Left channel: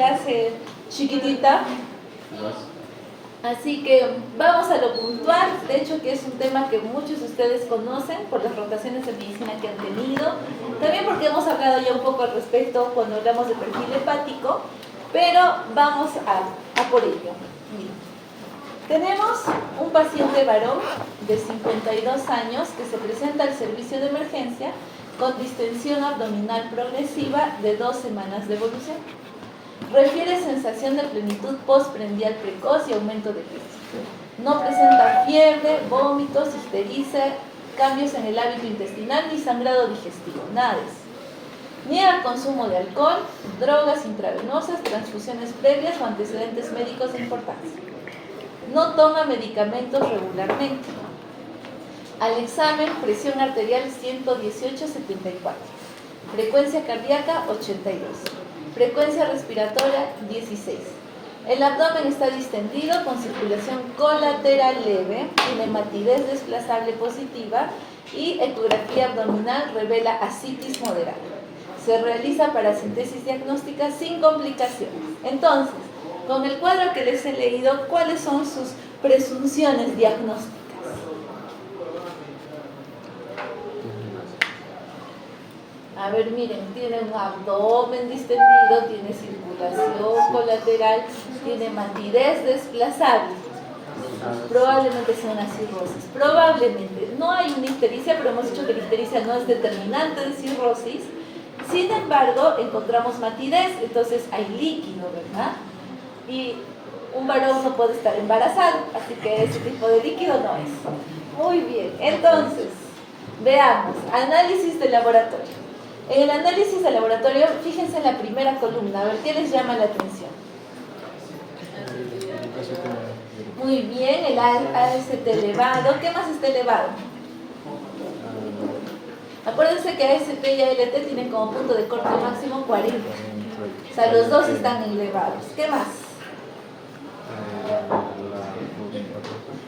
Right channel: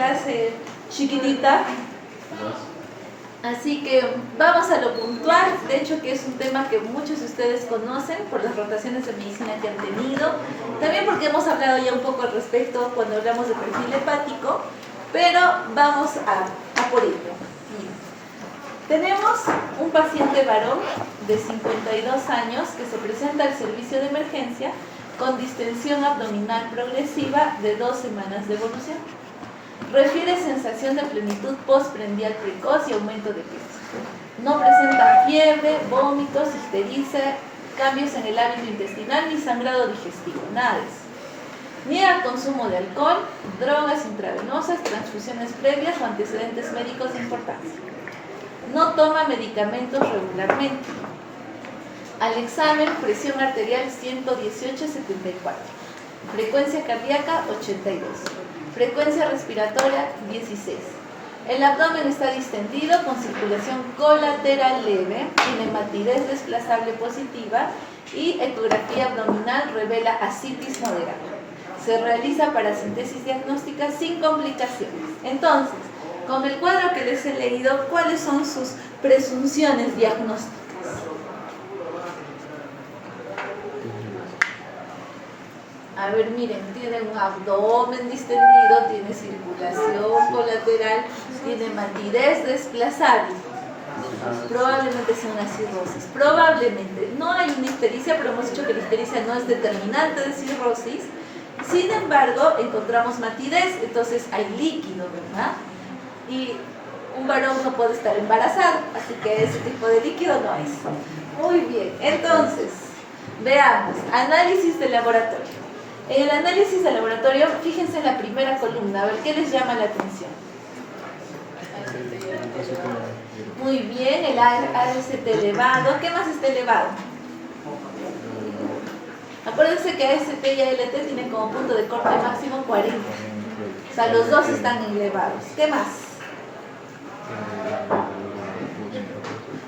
clase chiquitita. Así que vamos a lo puntual, de hecho que es un tema que muchos de ustedes conocen por las rotaciones de medicina que han tenido, también porque hemos hablado ya un poco al respecto cuando hablamos de perfil hepático, pero vamos a por ello. Miren, tenemos un paciente varón de 52 años que se presenta al servicio de emergencia con distensión abdominal progresiva de 2 semanas de evolución. Refiere sensación de plenitud postprandial precoz y aumento de peso. No presenta fiebre, vómitos, ictericia, cambios en el hábito intestinal ni sangrado digestivo, nada de eso. Niega el consumo de alcohol, drogas intravenosas, transfusiones previas o antecedentes médicos de importancia. No toma medicamentos regularmente. Al examen, presión arterial 118/74. Frecuencia cardíaca 82. Frecuencia respiratoria 16. El abdomen está distendido con circulación colateral leve, tiene matidez desplazable positiva y ecografía abdominal revela ascitis moderada. Se realiza paracentesis diagnóstica sin complicaciones. Entonces, con el cuadro que les he leído, ¿cuáles son sus presunciones diagnósticas? A ver, miren, tiene un abdomen distendido, tiene circulación colateral, tiene matidez desplazable. Probablemente sea una cirrosis. Probablemente. No hay una ictericia, pero hemos dicho que la ictericia no es determinante de cirrosis. Sin embargo, encontramos matidez, entonces hay líquido, ¿verdad? Y un varón no puede estar embarazado, así que ese tipo de líquido no es. Muy bien, entonces, veamos, análisis de laboratorio. En el análisis de laboratorio, fíjense en la primera columna, a ver qué les llama la atención. Muy bien, el AST elevado. ¿Qué más está elevado? Acuérdense que AST y ALT tienen como punto de corte máximo 40. O sea, los dos están elevados. ¿Qué más?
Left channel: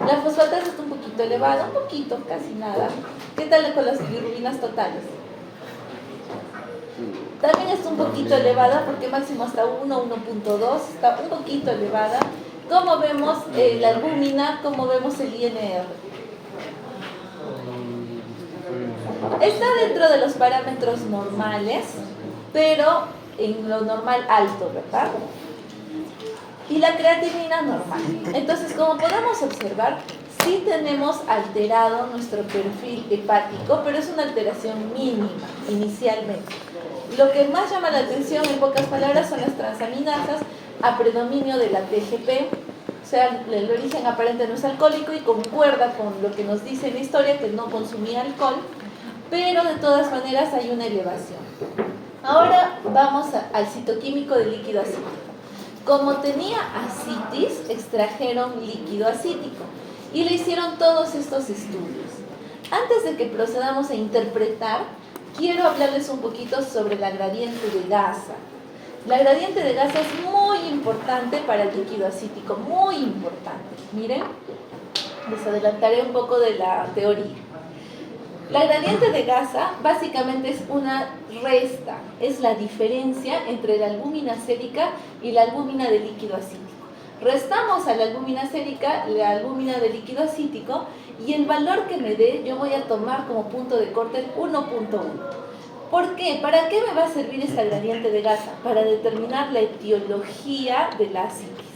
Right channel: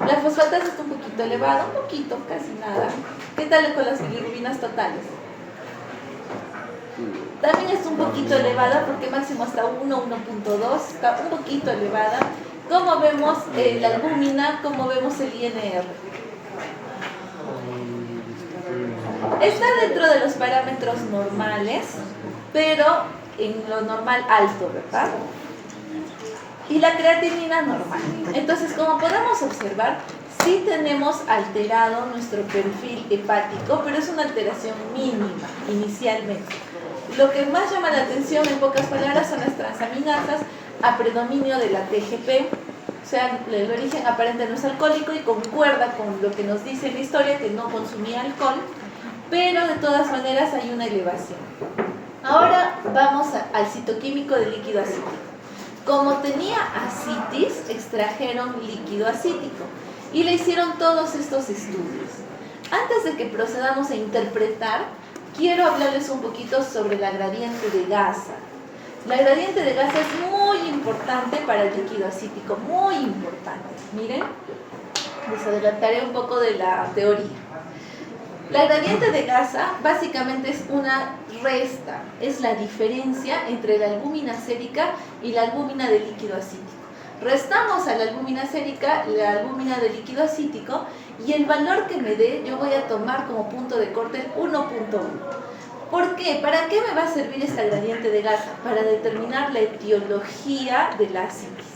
La fosfatasa está un poquito elevada, un poquito, casi nada. ¿Qué tal con las bilirrubinas totales? También está un poquito elevada porque máximo hasta 1, 1.2, está un poquito elevada. ¿Cómo vemos la albúmina? ¿Cómo vemos el INR? Está dentro de los parámetros normales, pero en lo normal alto, ¿verdad? Y la creatinina normal. Entonces, como podemos observar, sí tenemos alterado nuestro perfil hepático, pero es una alteración mínima inicialmente. Lo que más llama la atención, en pocas palabras, son las transaminasas a predominio de la TGP. O sea, el origen aparente no es alcohólico y concuerda con lo que nos dice en la historia, que no consumía alcohol, pero de todas maneras hay una elevación. Ahora vamos al citoquímico del líquido acítico. Como tenía ascitis, extrajeron líquido acítico y le hicieron todos estos estudios. Antes de que procedamos a interpretar, quiero hablarles un poquito sobre la gradiente de Gasa. La gradiente de Gasa es muy importante para el líquido acítico, muy importante. Miren, les adelantaré un poco de la teoría. La gradiente de Gasa básicamente es una resta, es la diferencia entre la albúmina sérica y la albúmina de líquido acítico. Restamos a la albúmina sérica la albúmina de líquido acítico y el valor que me dé yo voy a tomar como punto de corte el 1.1. ¿Por qué? ¿Para qué me va a servir esta gradiente de Gasa? Para determinar la etiología de la ascitis.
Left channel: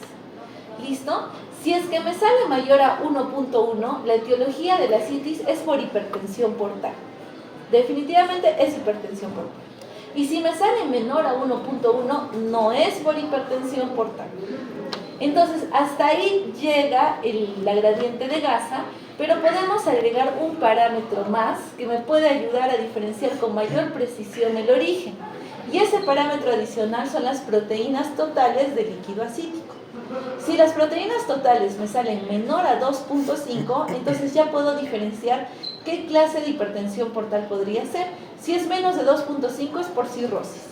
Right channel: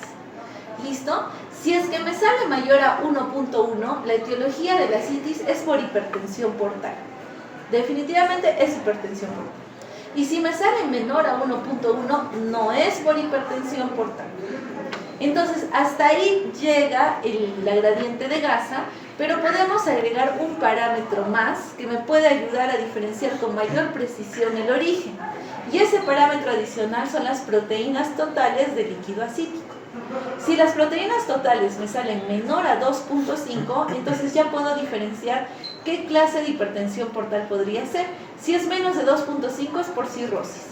¿Listo? Si es que me sale mayor a 1.1, la etiología de la ascitis es por hipertensión portal. Definitivamente es hipertensión portal. Y si me sale menor a 1.1, no es por hipertensión portal. Entonces, hasta ahí llega la gradiente de Gasa, pero podemos agregar un parámetro más que me puede ayudar a diferenciar con mayor precisión el origen. Y ese parámetro adicional son las proteínas totales de líquido acítico. Si las proteínas totales me salen menor a 2.5, entonces ya puedo diferenciar qué clase de hipertensión portal podría ser. Si es menos de 2.5 es por cirrosis.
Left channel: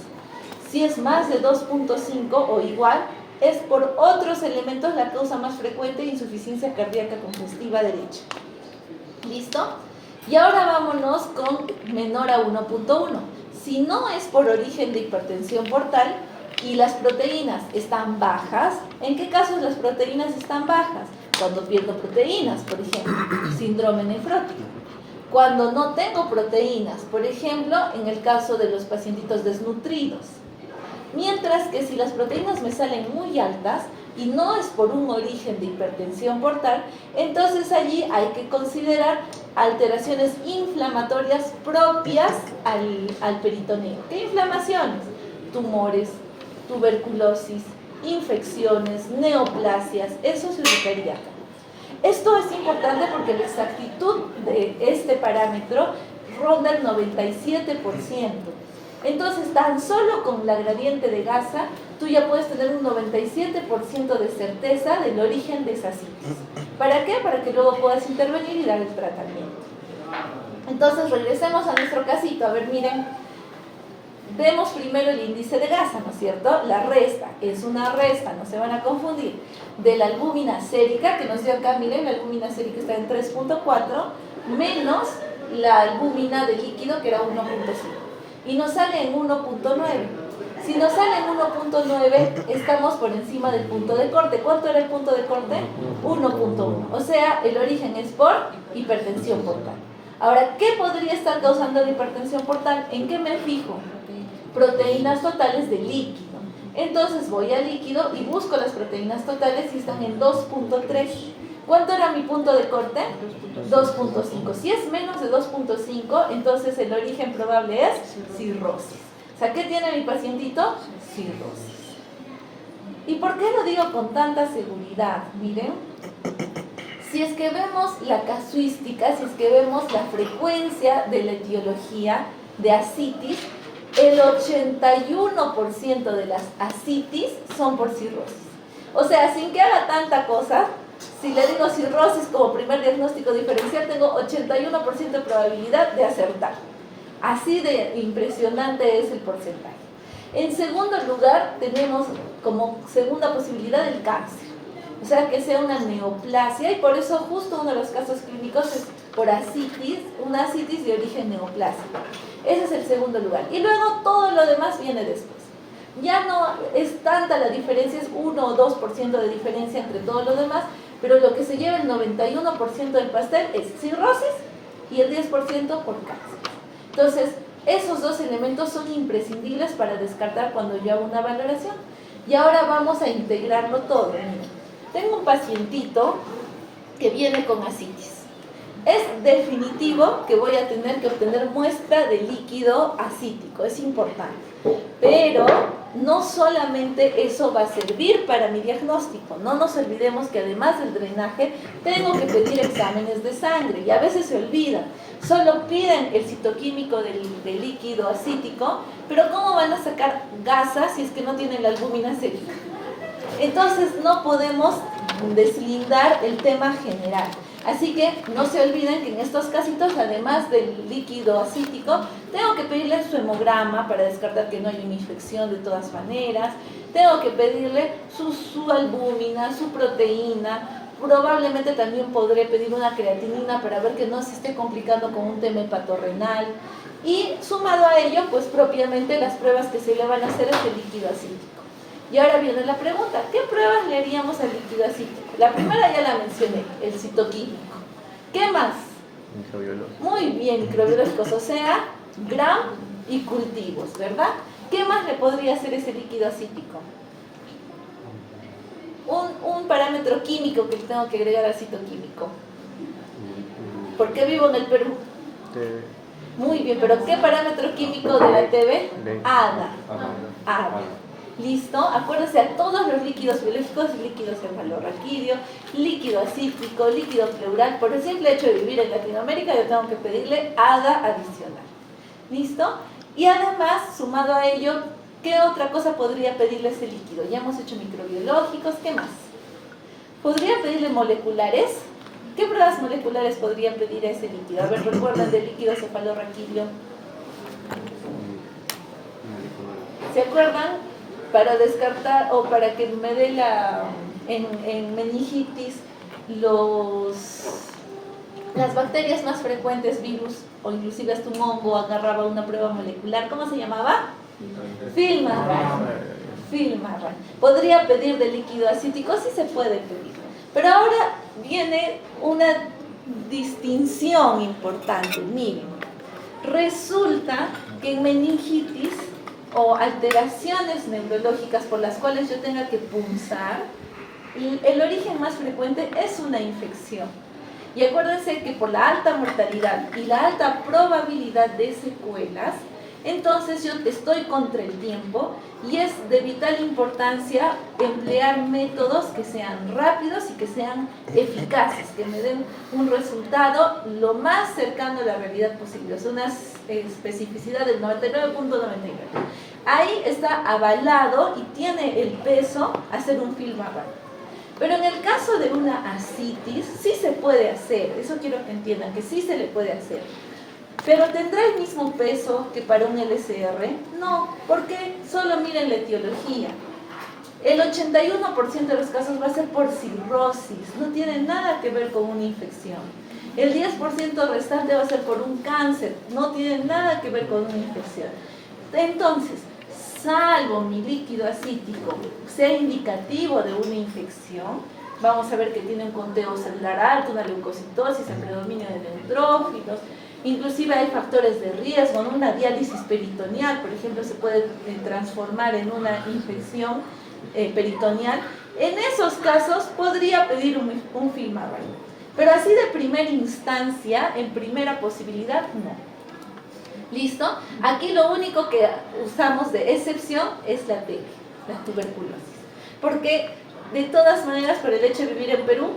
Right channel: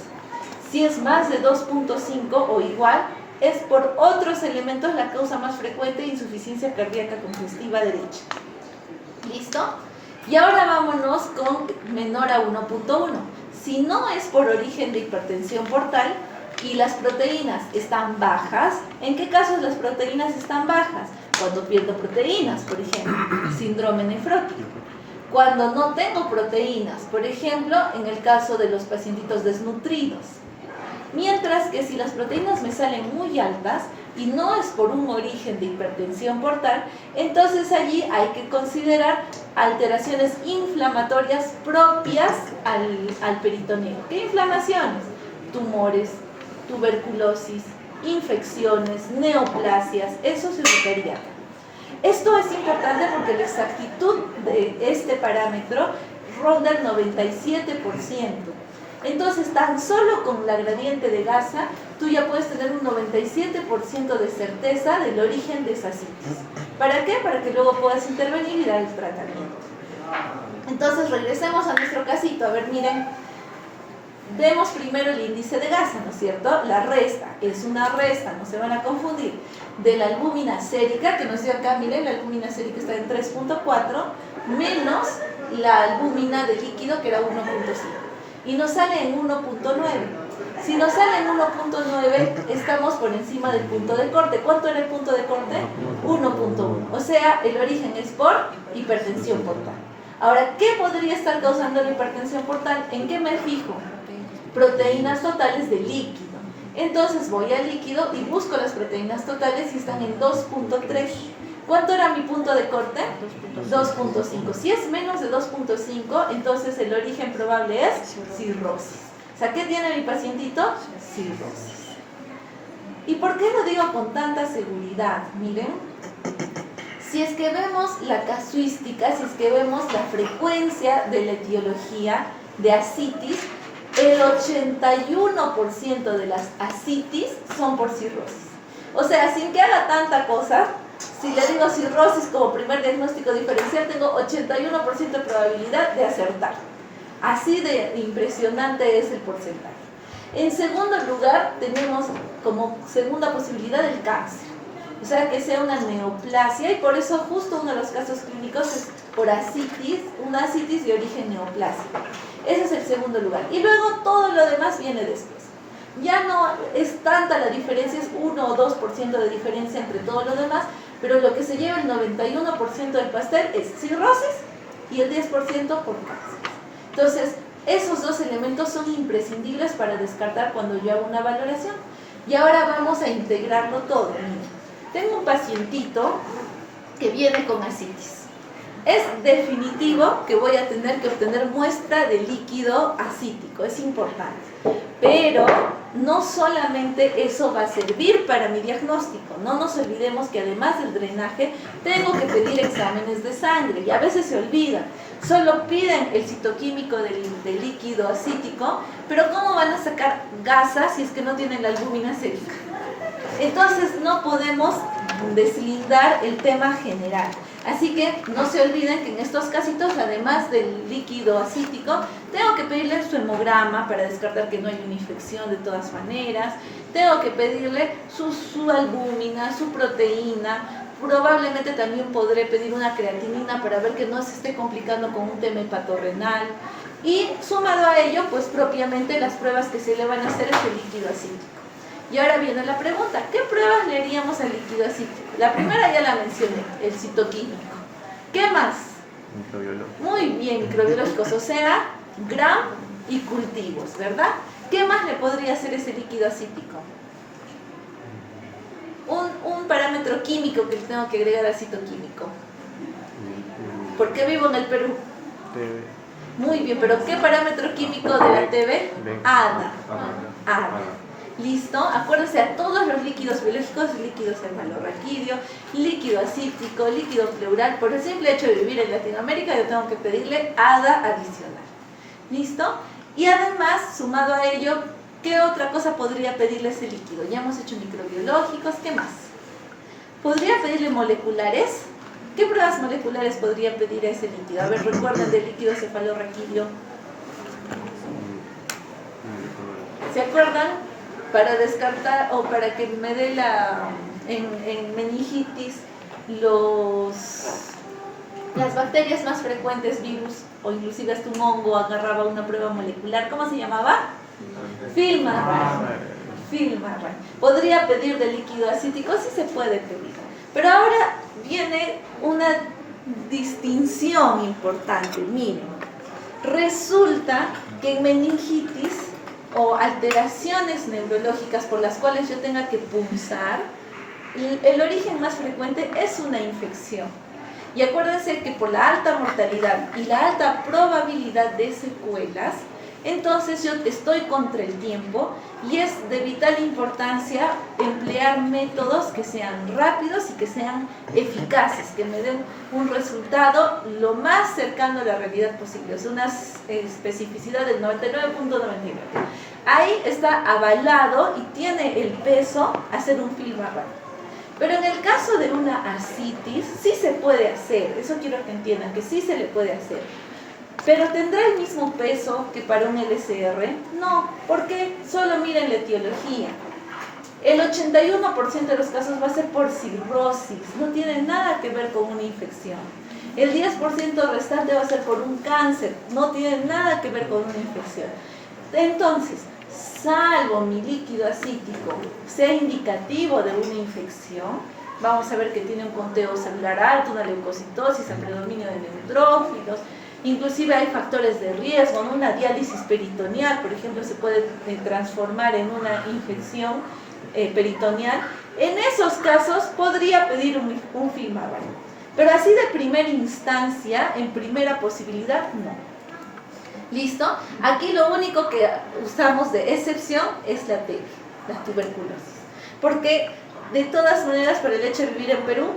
Si es más de 2.5 o igual, es por otros elementos la causa más frecuente, insuficiencia cardíaca congestiva derecha. ¿Listo? Y ahora vámonos con menor a 1.1. Si no es por origen de hipertensión portal, y las proteínas están bajas, ¿en qué casos las proteínas están bajas? Cuando pierdo proteínas, por ejemplo, síndrome nefrótico. Cuando no tengo proteínas, por ejemplo, en el caso de los pacientitos desnutridos. Mientras que si las proteínas me salen muy altas y no es por un origen de hipertensión portal, entonces allí hay que considerar alteraciones inflamatorias propias al peritoneo. ¿Qué inflamaciones? Tumores, tuberculosis, infecciones, neoplasias, eso se notaría. Esto es importante porque la exactitud de este parámetro ronda el 97%. Entonces, tan solo con la gradiente de Gasa, tú ya puedes tener un 97% de certeza del origen de esa citis. ¿Para qué? Para que luego puedas intervenir y dar el tratamiento. Entonces, regresemos a nuestro casito. A ver, miren. Vemos primero el índice de Gasa, ¿no es cierto? La resta, es una resta, no se van a confundir, de la albúmina sérica, que nos dio acá, miren, la albúmina sérica está en 3.4, menos la albúmina de líquido, que era 1.5. Y nos sale en 1.9. Si nos sale en 1.9, estamos por encima del punto de corte. ¿Cuánto era el punto de corte? 1.1. O sea, el origen es por hipertensión portal. Ahora, ¿qué podría estar causando la hipertensión portal? ¿En qué me fijo? Proteínas totales de líquido. Entonces voy al líquido y busco las proteínas totales y están en 2.3. ¿Cuánto era mi punto de corte? 2.5. Si es menos de 2.5, entonces el origen probable es cirrosis. O sea, ¿qué tiene mi pacientito? Cirrosis. ¿Y por qué lo digo con tanta seguridad? Miren, si es que vemos la casuística, si es que vemos la frecuencia de la etiología de ascitis, el 81% de las ascitis son por cirrosis. O sea, sin que haga tanta cosa, si le digo cirrosis como primer diagnóstico diferencial, tengo 81% de probabilidad de acertar. Así de impresionante es el porcentaje. En segundo lugar, tenemos como segunda posibilidad el cáncer. O sea, que sea una neoplasia, y por eso justo uno de los casos clínicos es por ascitis, una ascitis de origen neoplásico. Ese es el segundo lugar. Y luego todo lo demás viene después. Ya no es tanta la diferencia, es 1 o 2% de diferencia entre todo lo demás, pero lo que se lleva el 91% del pastel es cirrosis y el 10% por cáncer. Entonces, esos dos elementos son imprescindibles para descartar cuando yo hago una valoración. Y ahora vamos a integrarlo todo. Tengo un pacientito que viene con ascitis. Es definitivo que voy a tener que obtener muestra de líquido ascítico, es importante. Pero no solamente eso va a servir para mi diagnóstico. No nos olvidemos que además del drenaje, tengo que pedir exámenes de sangre y a veces se olvida. Solo piden el citoquímico del líquido ascítico, pero ¿cómo van a sacar Gasa si es que no tienen la albúmina sérica? Entonces no podemos deslindar el tema general. Así que no se olviden que en estos casitos, además del líquido ascítico, tengo que pedirle su hemograma para descartar que no hay una infección de todas maneras. Tengo que pedirle su albúmina, su proteína. Probablemente también podré pedir una creatinina para ver que no se esté complicando con un tema hepatorrenal. Y sumado a ello, pues propiamente las pruebas que se le van a hacer es el líquido ascítico. Y ahora viene la pregunta, ¿qué pruebas le haríamos al líquido ascítico? La primera ya la mencioné, el citoquímico. ¿Qué más? Microbiológicos. Muy bien, microbiológicos, o sea, Gram y cultivos, ¿verdad? ¿Qué más le podría hacer ese líquido ascítico? Un parámetro químico que tengo que agregar al citoquímico. ¿Por qué vivo en el Perú? TV. Muy bien, pero ¿qué parámetro químico de la TV? ADA. ADA. ¿Listo? Acuérdense a todos los líquidos biológicos, líquido cefalorraquídeo, líquido ascítico, líquido pleural. Por el simple hecho de vivir en Latinoamérica, yo tengo que pedirle ADA adicional. ¿Listo? Y además, sumado a ello, ¿qué otra cosa podría pedirle a ese líquido? Ya hemos hecho microbiológicos, ¿qué más? ¿Podría pedirle moleculares? ¿Qué pruebas moleculares podría pedir a ese líquido? A ver, recuerden del líquido cefalorraquídeo. ¿Se acuerdan? Para descartar o para que me dé en meningitis las bacterias más frecuentes, virus o inclusive hasta un hongo, agarraba una prueba molecular. ¿Cómo se llamaba? Filmar. film Arran. ¿Podría pedir de líquido acítico? Sí se puede pedir. Pero ahora viene una distinción importante. Miren, resulta que en meningitis o alteraciones neurológicas por las cuales yo tenga que punzar, el origen más frecuente es una infección. Y acuérdense que por la alta mortalidad y la alta probabilidad de secuelas, entonces yo estoy contra el tiempo y es de vital importancia emplear métodos que sean rápidos y que sean eficaces, que me den un resultado lo más cercano a la realidad posible, o sea, una especificidad del 99.99. Ahí está avalado y tiene el peso hacer un film Arran. Pero en el caso de una ascitis, sí se puede hacer, eso quiero que entiendan, que sí se le puede hacer. ¿Pero tendrá el mismo peso que para un LCR? No, porque solo miren la etiología. El 81% de los casos va a ser por cirrosis, no tiene nada que ver con una infección. El 10% restante va a ser por un cáncer, no tiene nada que ver con una infección. Entonces, salvo mi líquido acítico sea indicativo de una infección, vamos a ver que tiene un conteo celular alto, una leucocitosis, el predominio de neutrófilos, inclusive hay factores de riesgo, ¿no? Una diálisis peritoneal, por ejemplo, se puede transformar en una infección peritoneal. En esos casos podría pedir un film Arran, pero así de primera instancia, en primera posibilidad, no. ¿Listo? Aquí lo único que usamos de excepción es la TB, la tuberculosis. Porque de todas maneras, por el hecho de vivir en Perú,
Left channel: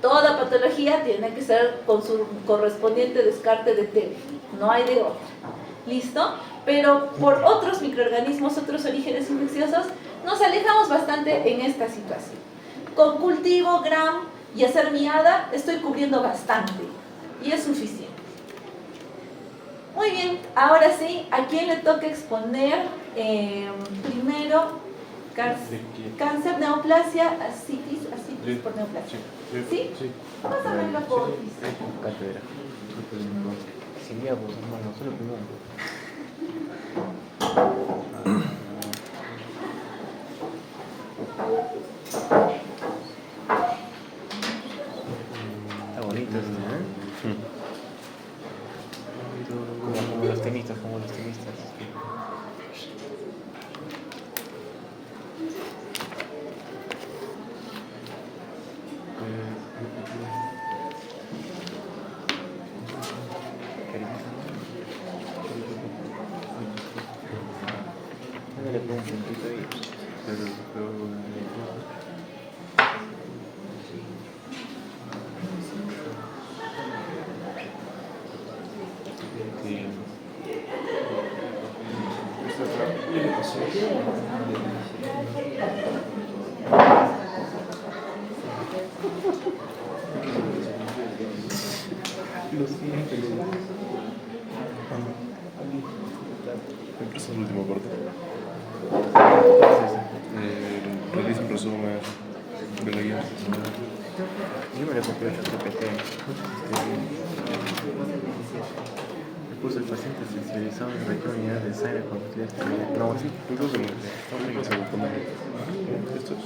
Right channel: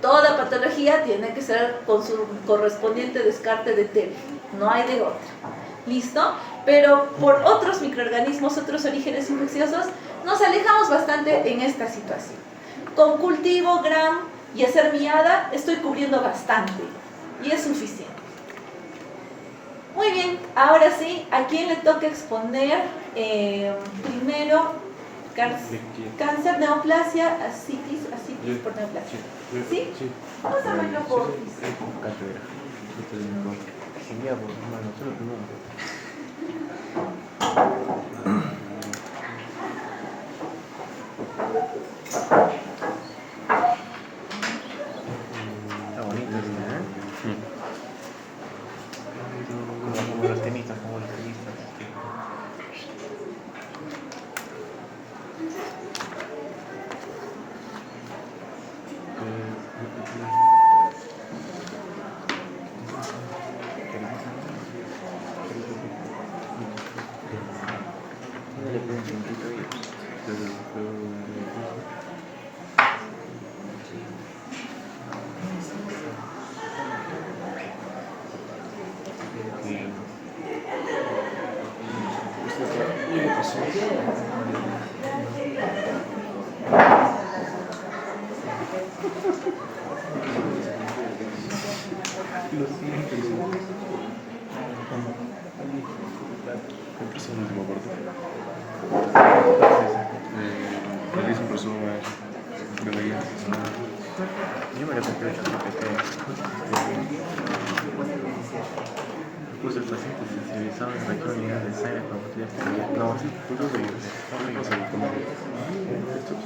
toda patología tiene que ser con su correspondiente descarte de TB. No hay de otra. ¿Listo? Pero por otros microorganismos, otros orígenes infecciosos, nos alejamos bastante en esta situación. Con cultivo, gram y hacer miada, estoy cubriendo bastante. Y es suficiente. Muy bien, ahora sí, ¿a quién le toca exponer primero cáncer, neoplasia, ascitis por neoplasia? ¿Sí? Vamos a verlo por Cátedra. Sería, pues, hermano, solo primero. Está bonito, ¿no? Sí. Como los tenistas, le pongo un puntito ahí. Lo siento. Empieza el último corte. Realiza un resumen de la guía. Yo me lo compré Después el paciente se sensibilizaba en la unidad de sangre cuando tenía que... No, sí, creo que no sé cómo... Estos...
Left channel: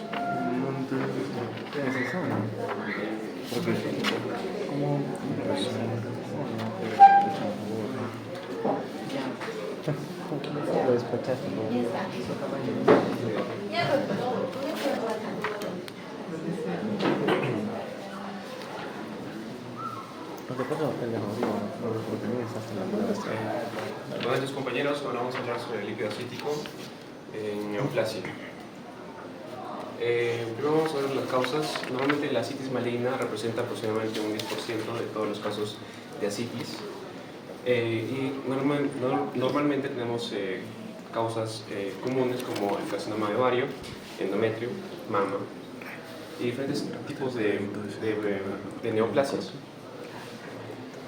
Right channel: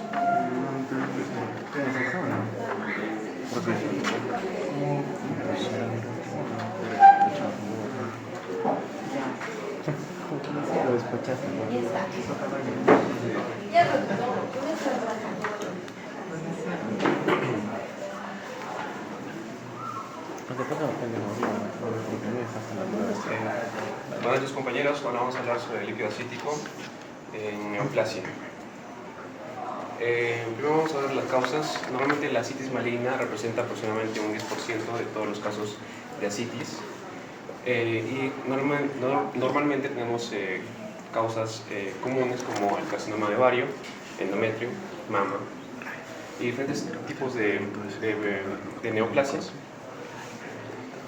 ¿Qué es eso, no? Porque... Lo despachaste, ¿no? Buenas noches, compañeros. Ahora vamos a hablar sobre el líquido acítico en neoplasia. Primero vamos a ver las causas. Normalmente la ascitis maligna representa aproximadamente un 10% de todos los casos de ascitis. Y normalmente tenemos causas comunes como el carcinoma de ovario, endometrio, mama y diferentes tipos de neoplasias.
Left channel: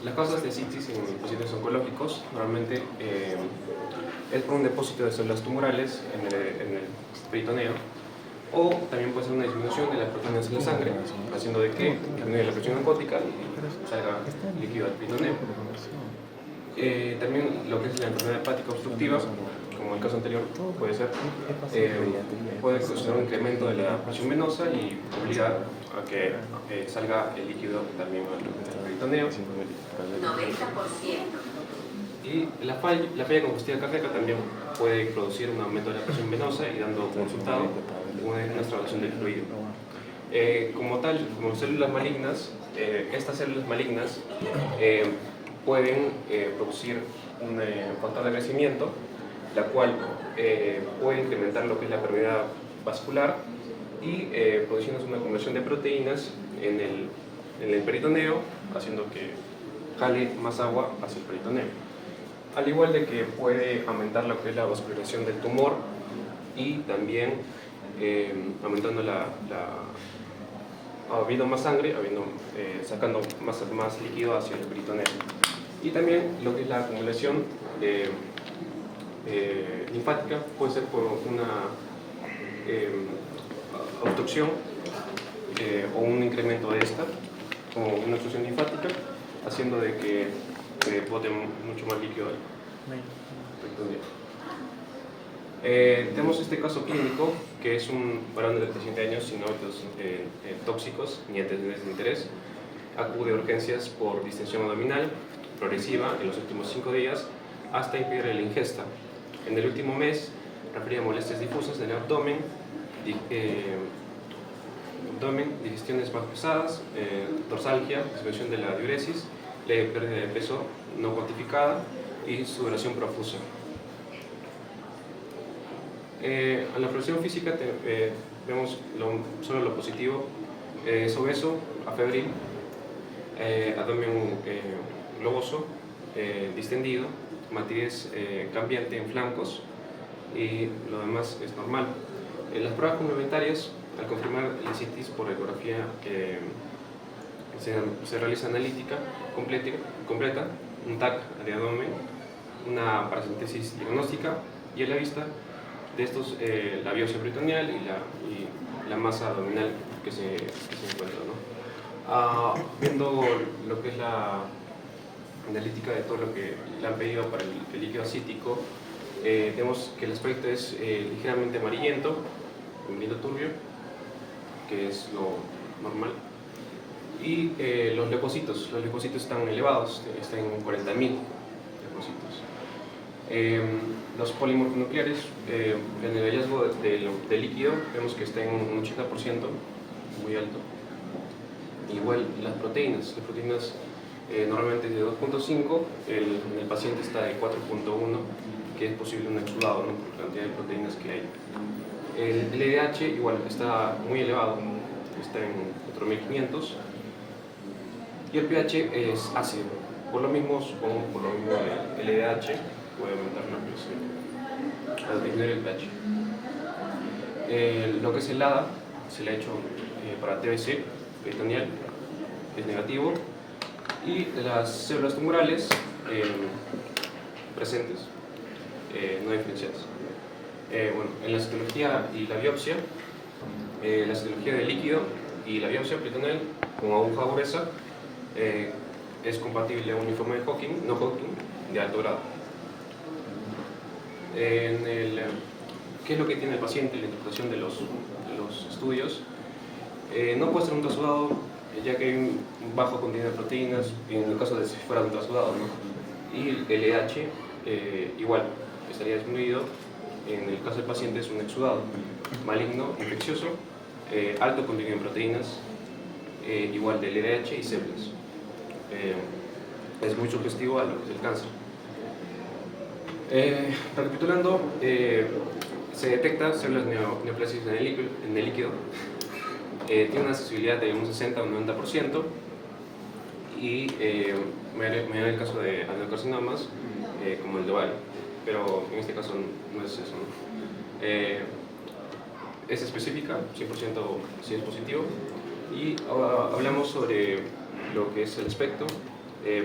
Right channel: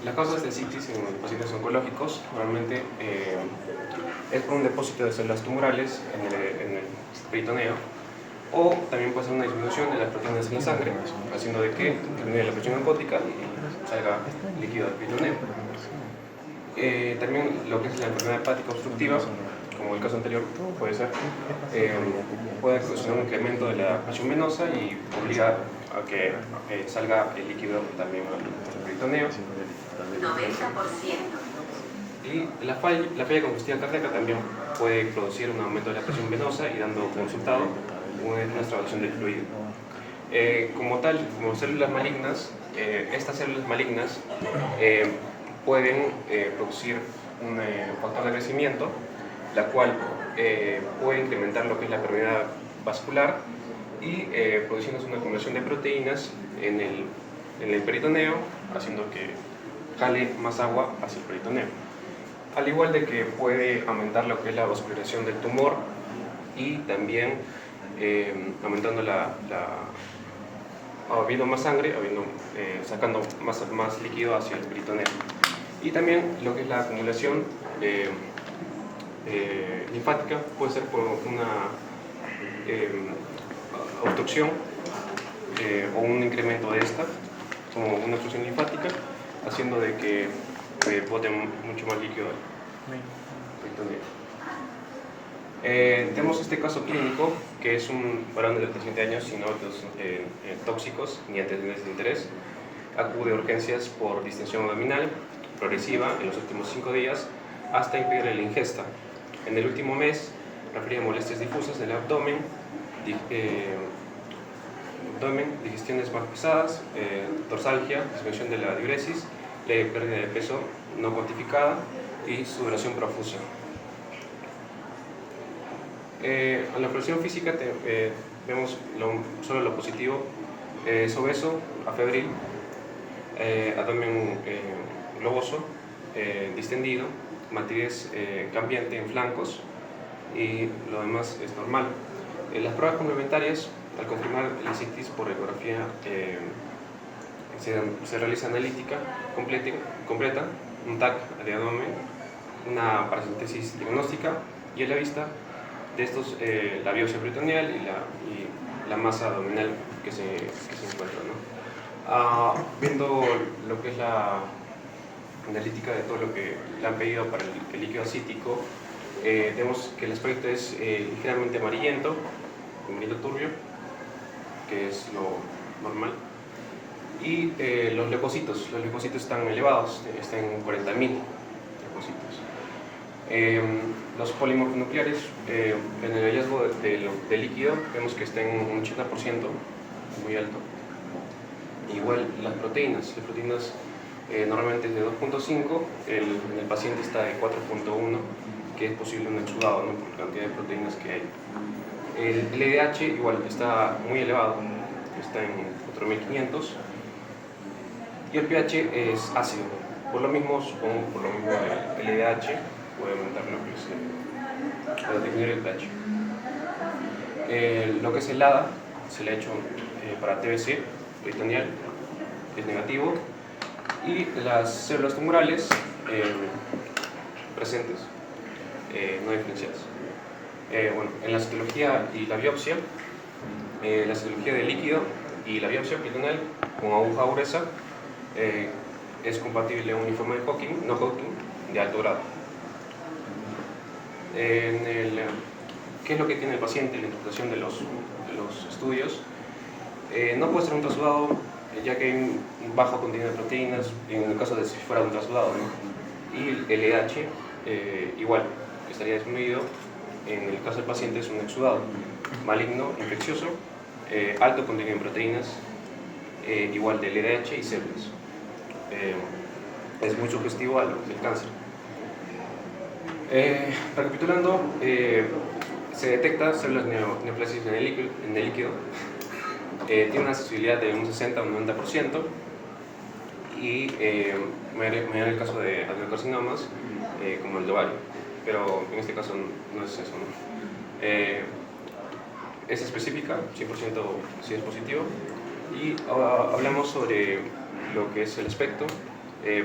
Las causas de ascitis en pacientes oncológicos normalmente es por un depósito de células tumorales en el peritoneo, o también puede ser una disminución de las proteínas en la sangre, haciendo de que disminuya la presión oncótica y salga líquido del peritoneo. También lo que es la enfermedad hepática obstructiva como el caso anterior puede ser, puede ocasionar un incremento de la presión venosa y obligar a que salga el líquido también al peritoneo. 90%. Y la falla congestiva cardíaca también puede producir un aumento de la presión venosa y dando como resultado una extravasación del fluido. Como tal, como células malignas, estas células malignas pueden producir un factor de crecimiento, la cual puede incrementar lo que es la permeabilidad vascular y produciendo una acumulación de proteínas en el peritoneo, haciendo que jale más agua hacia el peritoneo. Al igual de que puede aumentar lo que es la vascularización del tumor y también aumentando habiendo más sangre, sacando más líquido hacia el peritoneo. Y también lo que es la acumulación linfática puede ser por una obstrucción o un incremento de esta, como una obstrucción linfática, haciendo de que bote mucho más líquido al peritoneo. Tenemos este caso clínico, que es un varón de 37 años sin hábitos tóxicos ni antecedentes de interés. Acude a urgencias por distensión abdominal progresiva en los últimos 5 días hasta impedir la ingesta. En el último mes refería molestias difusas en el abdomen, digestiones más pesadas, dorsalgia, disminución de la diuresis, leve pérdida de peso no cuantificada y sudoración profusa. En la exploración física vemos solo lo positivo: es obeso, afebril, abdomen globoso, distendido, matidez cambiante en flancos, y lo demás es normal. Las pruebas complementarias, al confirmar la citis por ecografía, se realiza analítica completa, un TAC de abdomen, una paracentesis diagnóstica y a la vista de estos la biopsia peritoneal y la masa abdominal que se encuentra, ¿no? Viendo lo que es la analítica de todo lo que le han pedido para el líquido acítico, vemos que el aspecto es ligeramente amarillento turbio, que es lo normal. Y los leucocitos están elevados, están en 40.000 leucocitos. Los polimorfonucleares, en el hallazgo de líquido, vemos que está en un 80%, muy alto. Igual las proteínas normalmente es de 2.5, en el paciente está de 4.1, que es posible un exudado, ¿no?, por la cantidad de proteínas que hay. El LDH igual está muy elevado, está en 4.500. Y el pH es ácido. Por lo mismo, supongo, por lo mismo el LDH puede aumentar lo que es el disminuir el pH. Lo que es el ADA se le ha hecho para TBC peritoneal, es negativo, y las células tumorales presentes, no diferenciadas. Bueno, en la citología y la biopsia, la citología de líquido y la biopsia peritoneal con aguja gruesa es compatible a un informe de Hodgkin, no Hodgkin, de alto grado. ¿Qué es lo que tiene el paciente? La interpretación de los estudios. No puede ser un trasudado, ya que hay un bajo contenido de proteínas, en el caso de si fuera un trasudado, ¿no? Y el LDH igual estaría disminuido. En el caso del paciente es un exudado maligno, infeccioso, alto contenido en proteínas, igual de LDH y células. Es muy sugestivo al del cáncer. Recapitulando, se detecta células neoplásicas en el líquido, tiene una sensibilidad de un 60 o un 90%, y me da el caso de adenocarcinomas como el de ovario, pero en este caso no es eso, ¿no? Es específica, 100% si es positivo. Y ahora hablamos sobre lo que es el aspecto.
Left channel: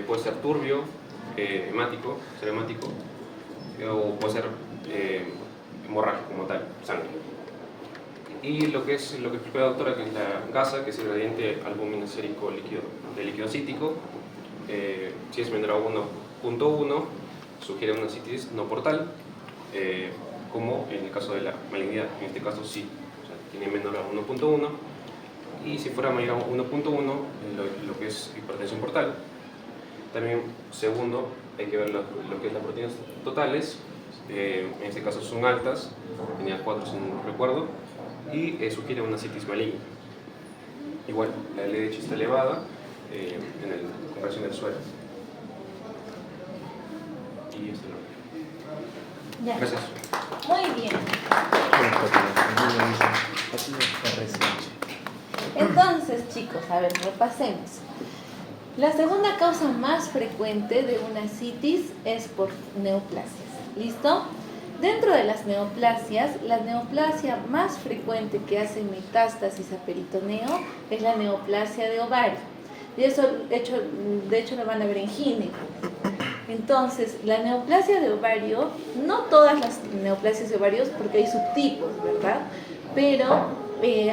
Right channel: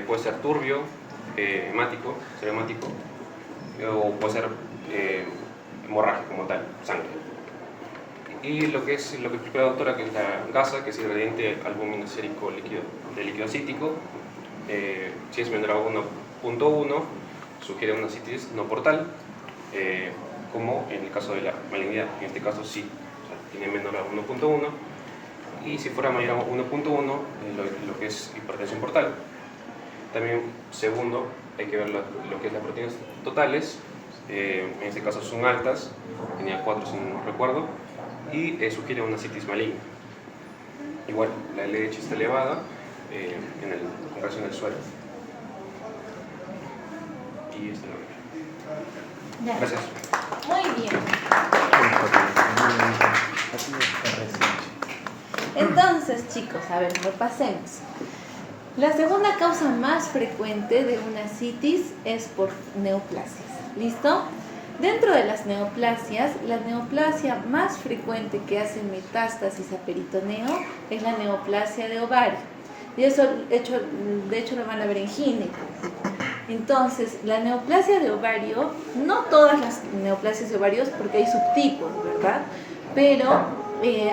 Puede ser turbio, hemático, traumático, o puede ser hemorrágico como tal, sangre. Y lo que explicó la doctora, que es la gasa, que es el gradiente albuminosérico líquido, de líquido acítico, si es menor a 1.1, sugiere una citis no portal. como en el caso de la malignidad. En este caso sí, o sea, tiene menor a 1.1, y si fuera mayor a 1.1, lo que es hipertensión portal. También, segundo, hay que ver lo que es las proteínas totales. En este caso son altas, tenía 4 si no recuerdo, y sugiere una citis maligna. Igual, la LDH está elevada en comparación al suelo. Y esto lo Ya. Gracias. Muy bien. Entonces, chicos, a ver, repasemos. La segunda causa más frecuente de una citis es por neoplasias. ¿Listo? Dentro de las neoplasias, la neoplasia más frecuente que hace metástasis a peritoneo es la neoplasia de ovario. Y eso, de hecho, lo van a ver en gineco. Entonces, la neoplasia de ovario, no todas las neoplasias de ovarios, porque hay subtipos, ¿verdad? Pero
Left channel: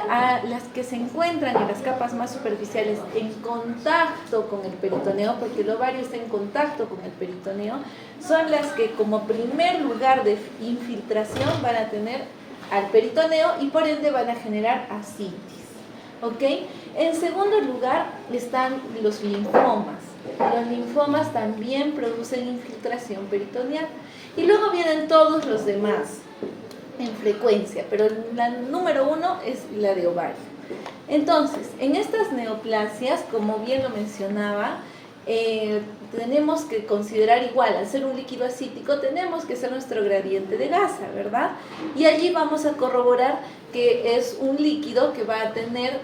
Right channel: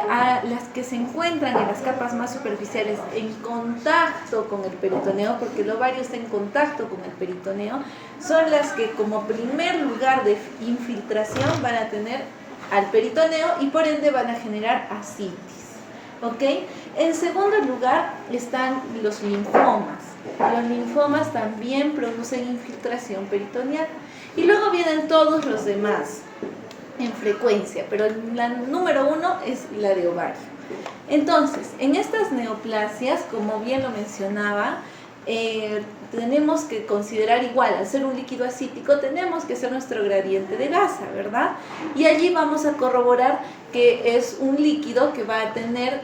a las que se encuentran en las capas más superficiales en contacto con el peritoneo, porque el ovario está en contacto con el peritoneo, son las que como primer lugar de infiltración van a tener al peritoneo y por ende van a generar ascitis. ¿Ok? En segundo lugar están los linfomas. Los linfomas también producen infiltración peritoneal. Y luego vienen todos los demás en frecuencia, pero la número 1 es la de ovario. Entonces, en estas neoplasias, como bien lo mencionaba, tenemos que considerar igual, al ser un líquido acítico, tenemos que hacer nuestro gradiente de gasa, ¿verdad? Y allí vamos a corroborar que es un líquido que va a tener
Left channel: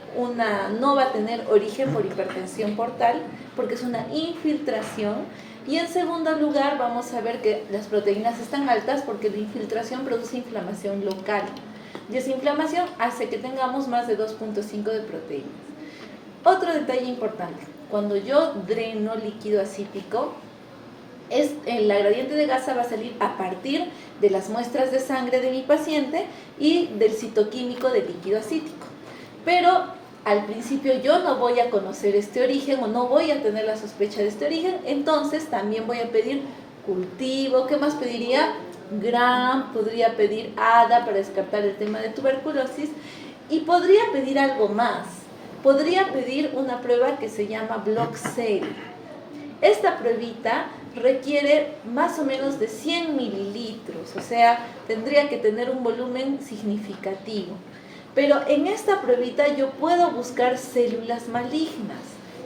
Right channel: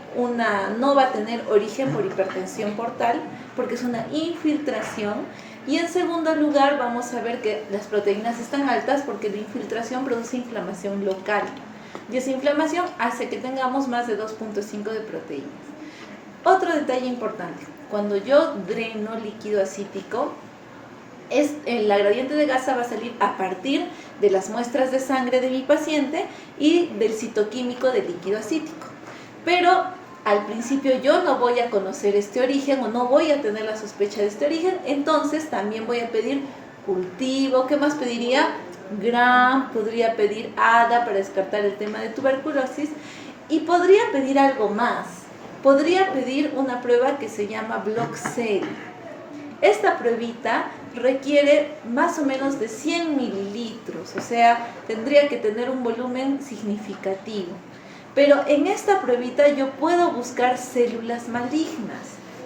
no va a tener origen por hipertensión portal, porque es una infiltración. Y en segundo lugar vamos a ver que las proteínas están altas porque la infiltración produce inflamación local. Y esa inflamación hace que tengamos más de 2.5 de proteínas. Otro detalle importante, cuando yo dreno líquido acítico, la gradiente de gasa va a salir a partir de las muestras de sangre de mi paciente y del citoquímico del líquido acítico. Pero al principio yo no voy a conocer este origen o no voy a tener la sospecha de este origen, entonces también voy a pedir cultivo. ¿Qué más pediría? Gram, podría pedir ADA para descartar el tema de tuberculosis y podría pedir algo más. Podría pedir una prueba que se llama Block-Cell. Esta pruebita requiere más o menos de 100 mililitros, o sea, tendría que tener un volumen significativo. Pero en esta pruebita yo puedo buscar células malignas.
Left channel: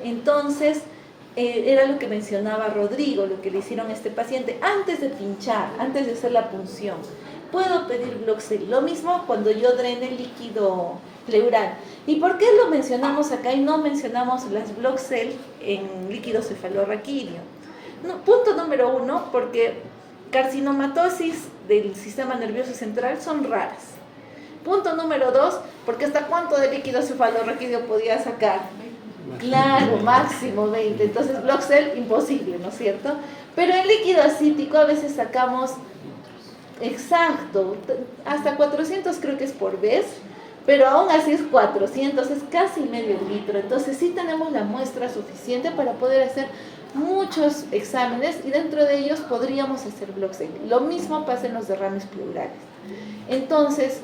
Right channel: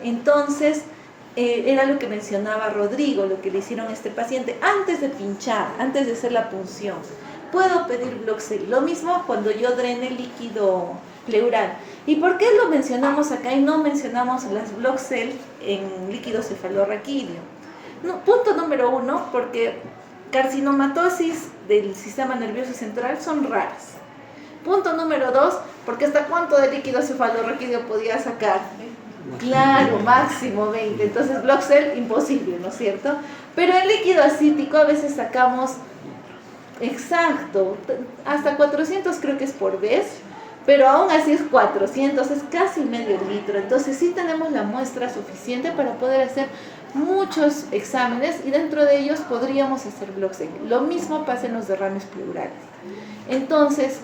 Entonces, era lo que mencionaba Rodrigo, lo que le hicieron a este paciente antes de pinchar, antes de hacer la punción. Puedo pedir Block-Cell. Lo mismo cuando yo drene líquido pleural. ¿Y por qué lo mencionamos acá y no mencionamos las Block-Cell en líquido cefalorraquídeo? No, punto número 1, porque carcinomatosis del sistema nervioso central son raras. Punto número 2, porque hasta cuánto de líquido cefalorraquídeo podía sacar. Claro, máximo 20. Entonces, Block-Cell, imposible, ¿no es cierto? Pero en líquido acítico a veces sacamos, exacto, hasta 400 creo que es por vez, pero aún así es 400, es casi medio litro. Entonces, sí tenemos la muestra suficiente para poder hacer muchos exámenes y dentro de ellos podríamos hacer Block-Cell. Lo mismo pasa en los derrames pleurales. Entonces,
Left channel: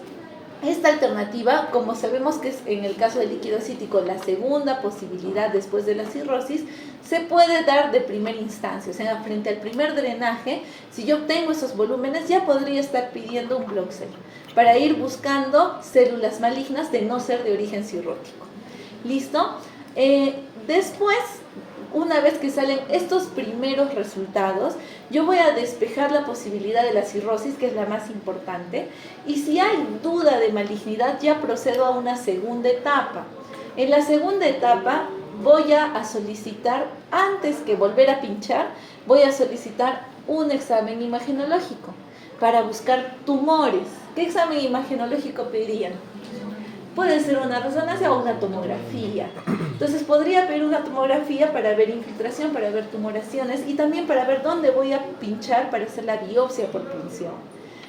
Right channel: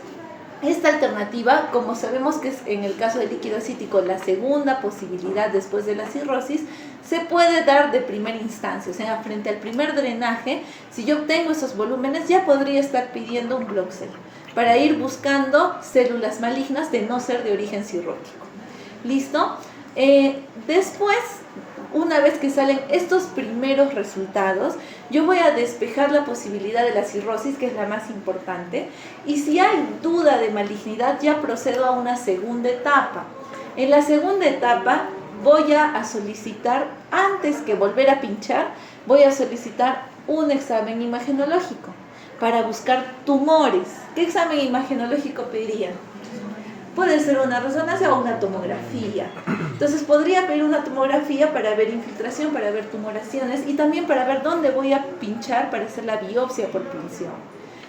esta alternativa, como sabemos que es en el caso del líquido acítico la segunda posibilidad después de la cirrosis, se puede dar de primera instancia, o sea, frente al primer drenaje, si yo obtengo esos volúmenes, ya podría estar pidiendo un Block-Cell para ir buscando células malignas de no ser de origen cirrótico. ¿Listo? Después, una vez que salen estos primeros resultados, yo voy a despejar la posibilidad de la cirrosis, que es la más importante, y si hay duda de malignidad, ya procedo a una segunda etapa. En la segunda etapa voy a solicitar, antes que volver a pinchar, voy a solicitar un examen imagenológico para buscar tumores. ¿Qué examen imagenológico pedirían? Puede ser una resonancia o una tomografía. Entonces podría pedir una tomografía para ver infiltración, para ver tumoraciones y también para ver dónde voy a pinchar para hacer la biopsia por punción.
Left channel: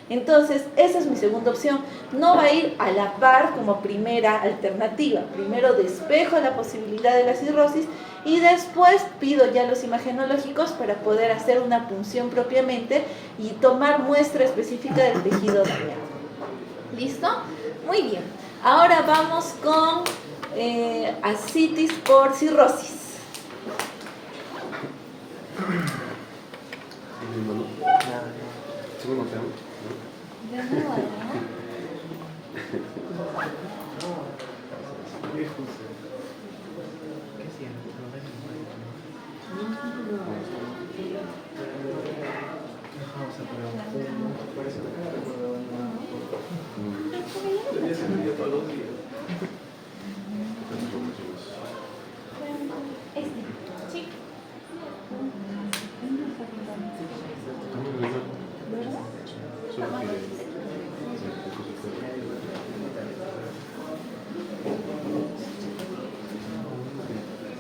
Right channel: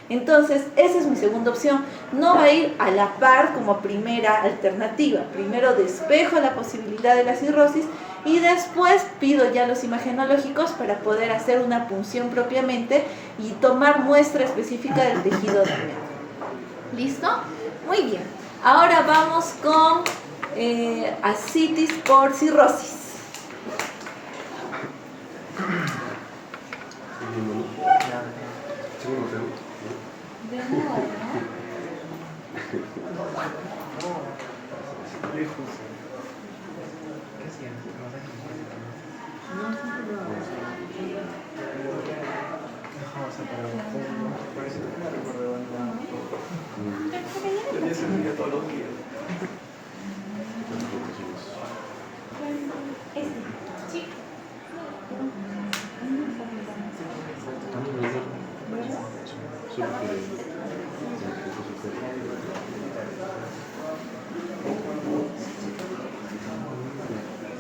Entonces, esa es mi segunda opción. No va a ir a la par como primera alternativa. Primero despejo la posibilidad de la cirrosis y después pido ya los imagenológicos para poder hacer una punción propiamente y tomar muestra específica del tejido dañado. ¿Listo? Muy bien. Ahora vamos con ascitis por cirrosis. Segundo tema. De nuevo, Sí.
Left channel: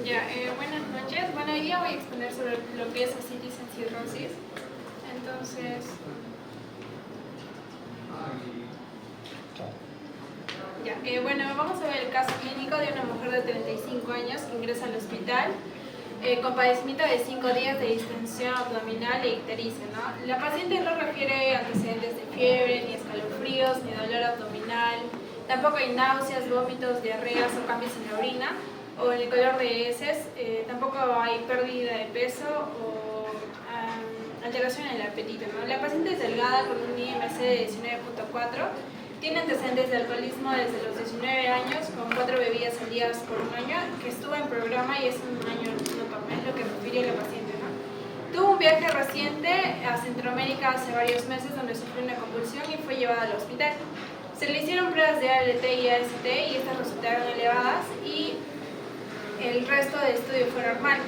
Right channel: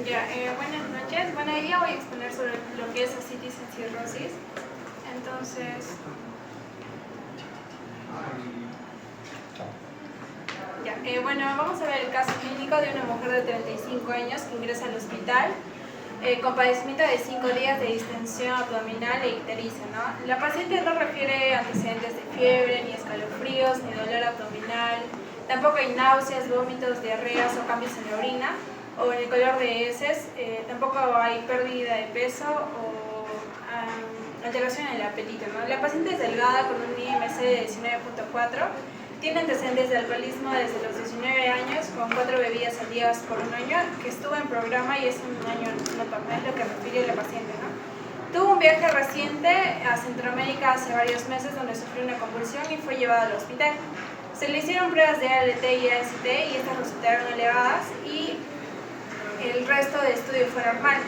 Ya, buenas noches. Bueno, hoy día voy a exponer sobre lo que es ascitis en cirrosis. Entonces, bueno, vamos a ver el caso clínico de una mujer de 35 años que ingresa al hospital con padecimiento de 5 días de distensión abdominal e ictericia, ¿no? La paciente no refiere antecedentes de fiebre, ni escalofríos, ni dolor abdominal, tampoco hay náuseas, vómitos, diarreas o cambios en la orina o en el color de heces, tampoco hay pérdida de peso o alteración en el apetito, ¿no? La paciente es delgada con un IMC de 19.4. Tiene antecedentes de alcoholismo desde los 19 años, con 4 bebidas al día por un año, que estuvo en programa y es un año no toma, es lo que refiere la paciente, ¿no? Tuvo un viaje reciente a Centroamérica hace varios meses donde sufrió una convulsión y fue llevada al hospital. Se le hicieron pruebas de ALT y AST y estas resultaron elevadas y el resto de estudio fue normal.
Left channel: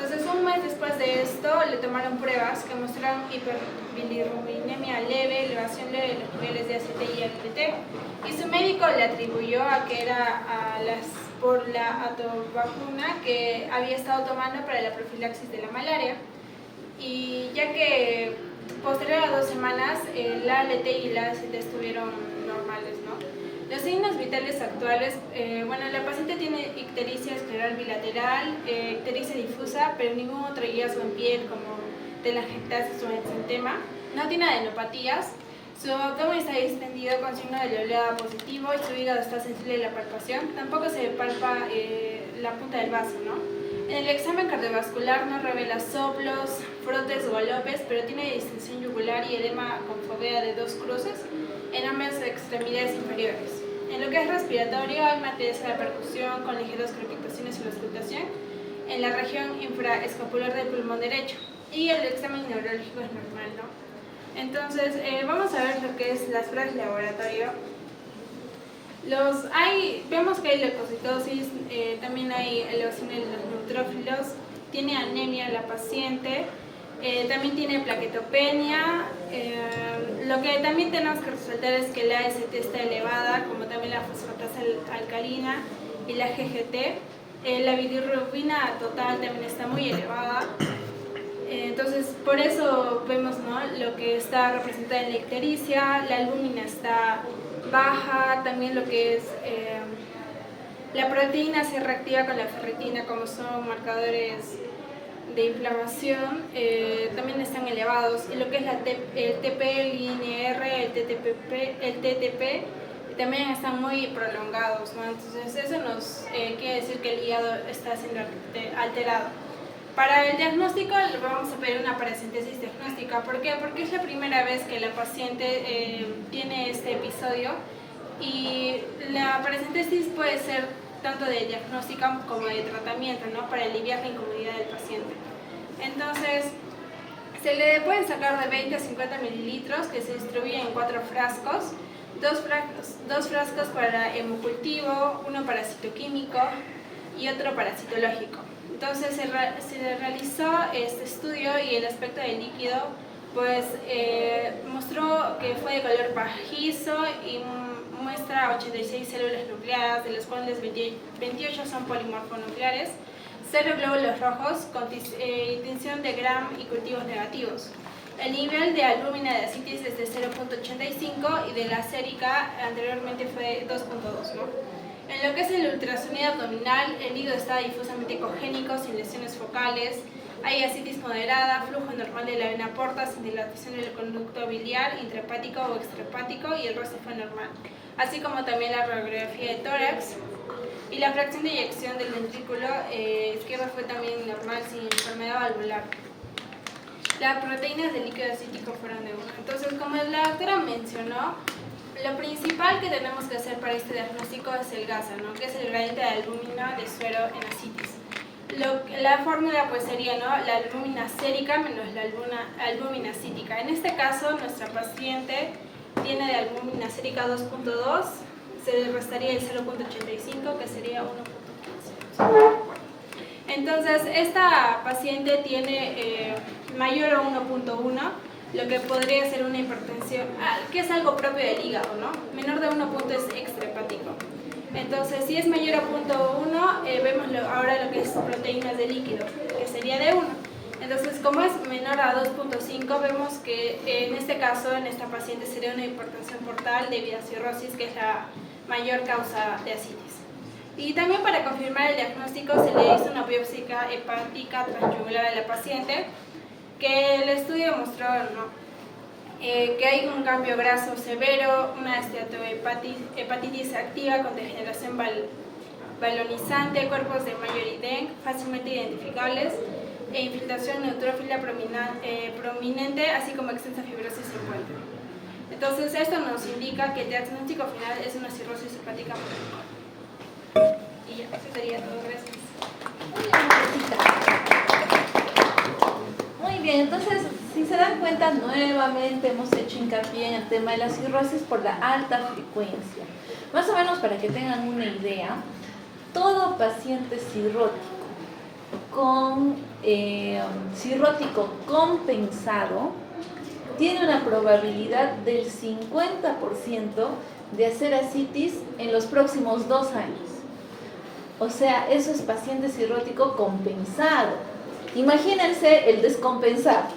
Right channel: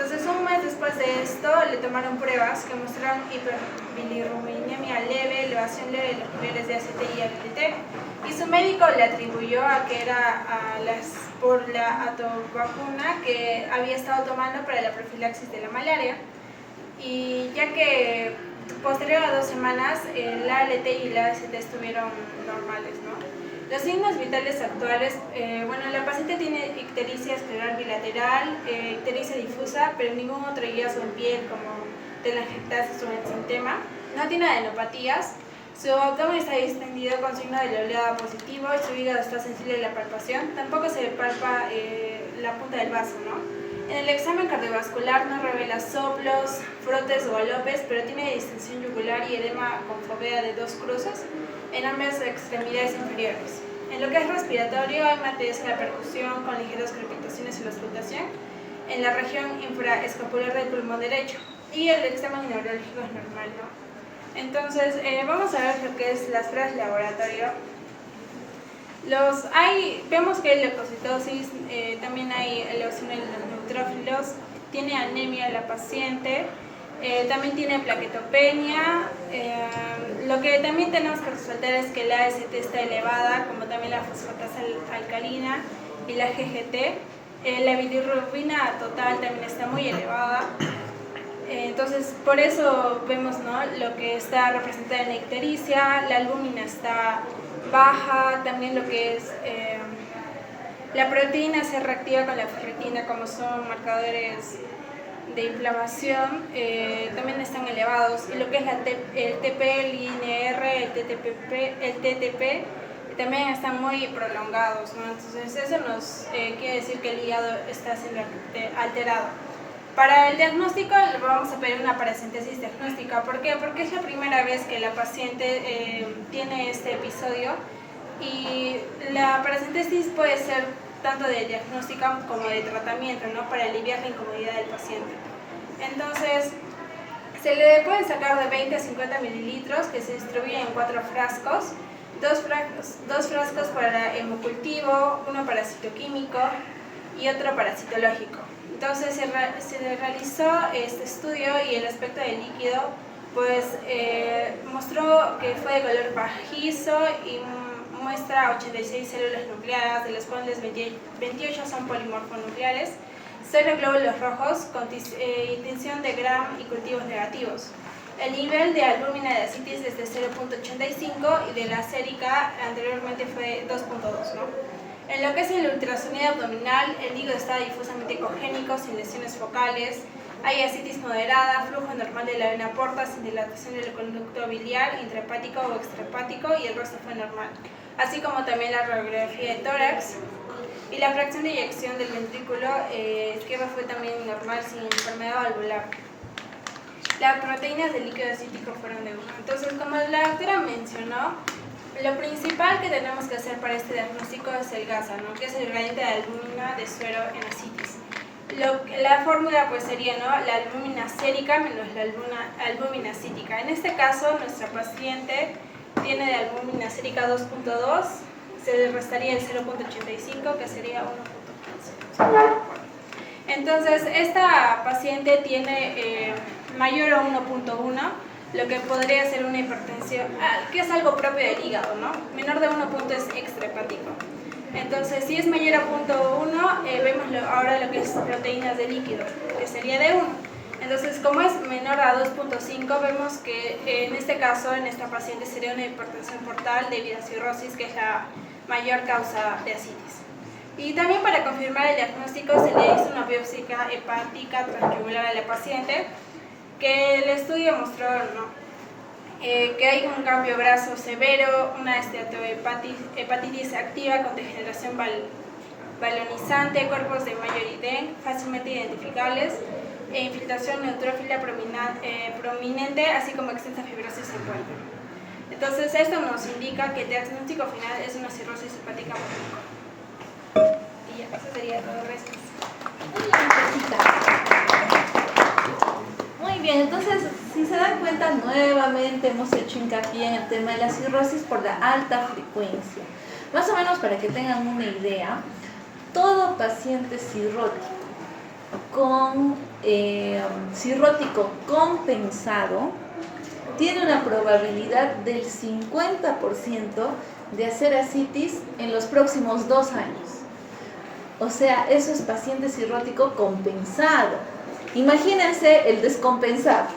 Entonces, un mes después de esto, le tomaron pruebas que mostraron hiperbilirubinemia leve, elevación leve de los niveles de ACT y ALT, y su médico le atribuyó a que era por la atovacuna que había estado tomando para la profilaxis de la malaria, y ya que posterior a 2 semanas, el ALT y el AST estuvieron normales, ¿no? Los signos vitales actuales, bueno, la paciente tiene ictericia escleral bilateral, ictericia difusa, pero ningún otro hallazgo en piel como telangiectasis o exantema. No tiene adenopatías. Su abdomen está distendido con signo de la oleada positivo y su hígado está sensible a la palpación. Tampoco se palpa la punta del vaso, ¿no? En el examen cardiovascular no revela soplos, frotes o galopes, pero tiene distensión yugular y edema con fovea de 2 cruces en ambas extremidades inferiores. En lo que es respiratorio hay martillez en la percusión con ligeras crepitaciones en la auscultación en la región infraescapular del pulmón derecho, y el examen neurológico es normal, ¿no? Entonces, vamos a ver lo que es las pruebas de laboratorio. Vemos que hay leucocitosis, también hay elevación de los neutrófilos, tiene anemia la paciente, también tiene plaquetopenia. Lo que también tenemos que resaltar es que la AST está elevada, como también la fosfatasa alcalina y la GGT. La bilirrubina total también está muy elevada. Entonces, por eso vemos, ¿no?, lo que está representada en la ictericia. La albúmina está baja, también lo que es la proteína se reactiva con la ferritina, como son marcadores de inflamación, también están elevados, y lo que es el TP, el INR, el TTP también están muy prolongados, ¿no? Entonces eso nos quiere decir que el hígado está siendo alterado. Para el diagnóstico vamos a pedir una paracentesis diagnóstica. ¿Por qué? Porque es la primera vez que la paciente tiene este episodio, y la paracentesis puede ser tanto de diagnóstica como de tratamiento, ¿no?, para aliviar la incomodidad del paciente. Entonces, se le pueden sacar de 20 a 50 mililitros que se distribuyen en 4 frascos, dos frascos para hemocultivo, uno para citoquímico y otro para citológico. Entonces se realizó este estudio y el aspecto del líquido pues mostró que fue de color pajizo y muestra 86 células nucleadas, de las cuales 28 son polimorfonucleares, 0 glóbulos rojos con tinción de Gram y cultivos negativos. El nivel de albúmina de ascitis es de 0.85 y de la sérica anteriormente fue 2.2, ¿no? En lo que es el ultrasonido abdominal, el hígado está difusamente ecogénico, sin lesiones focales, hay ascitis moderada, flujo normal de la vena porta, sin dilatación del conducto biliar, intrahepático o extrahepático, y el resto fue normal. Así como también la radiografía de tórax. Y la fracción de eyección del ventrículo izquierdo fue también normal, sin enfermedad valvular. Las proteínas del líquido acítico fueron de 1. Entonces, como la doctora mencionó, lo principal que tenemos que hacer para este diagnóstico es el GASA, ¿no? Que es el gradiente de albúmina de suero en ascitis. La fórmula pues sería, ¿no?, la albúmina sérica menos la albúmina cítica. En este caso, nuestra paciente tiene de albúmina sérica 2.2, se le restaría el 0.85, que sería 1.15. Entonces, esta paciente tiene mayor a 1.1, lo que podría ser una hipertensión, que es algo propio del hígado, ¿no? Menor de 1 punto es extrahepático. Entonces, si es mayor a 0.1, vemos ahora lo que es proteínas de líquido, que sería de 1. Entonces, como es menor a 2.5, vemos que en este caso, en esta paciente, sería una hipertensión portal debido a cirrosis, que es la mayor causa de ascitis. Y también para confirmar el diagnóstico se le hizo una biopsia hepática transyugular a la paciente, que el estudio mostró, ¿no?, que hay un cambio graso severo, una esteatohepatitis activa con degeneración balonizante, cuerpos de mayoridén fácilmente identificables, e infiltración neutrófila prominente, así como extensa fibrosis secuente. Entonces, esto nos indica que el diagnóstico final es una cirrosis hepática crónica. Y ya, eso sería todo. Gracias. Muy bien, entonces, si se dan cuenta, nuevamente hemos hecho hincapié en el tema de la cirrosis por la alta frecuencia. Más o menos para que tengan una idea, todo paciente cirrótico compensado tiene una probabilidad del 50% de hacer ascitis en los próximos 2 años. O sea, eso es paciente cirrótico compensado. Imagínense el descompensado.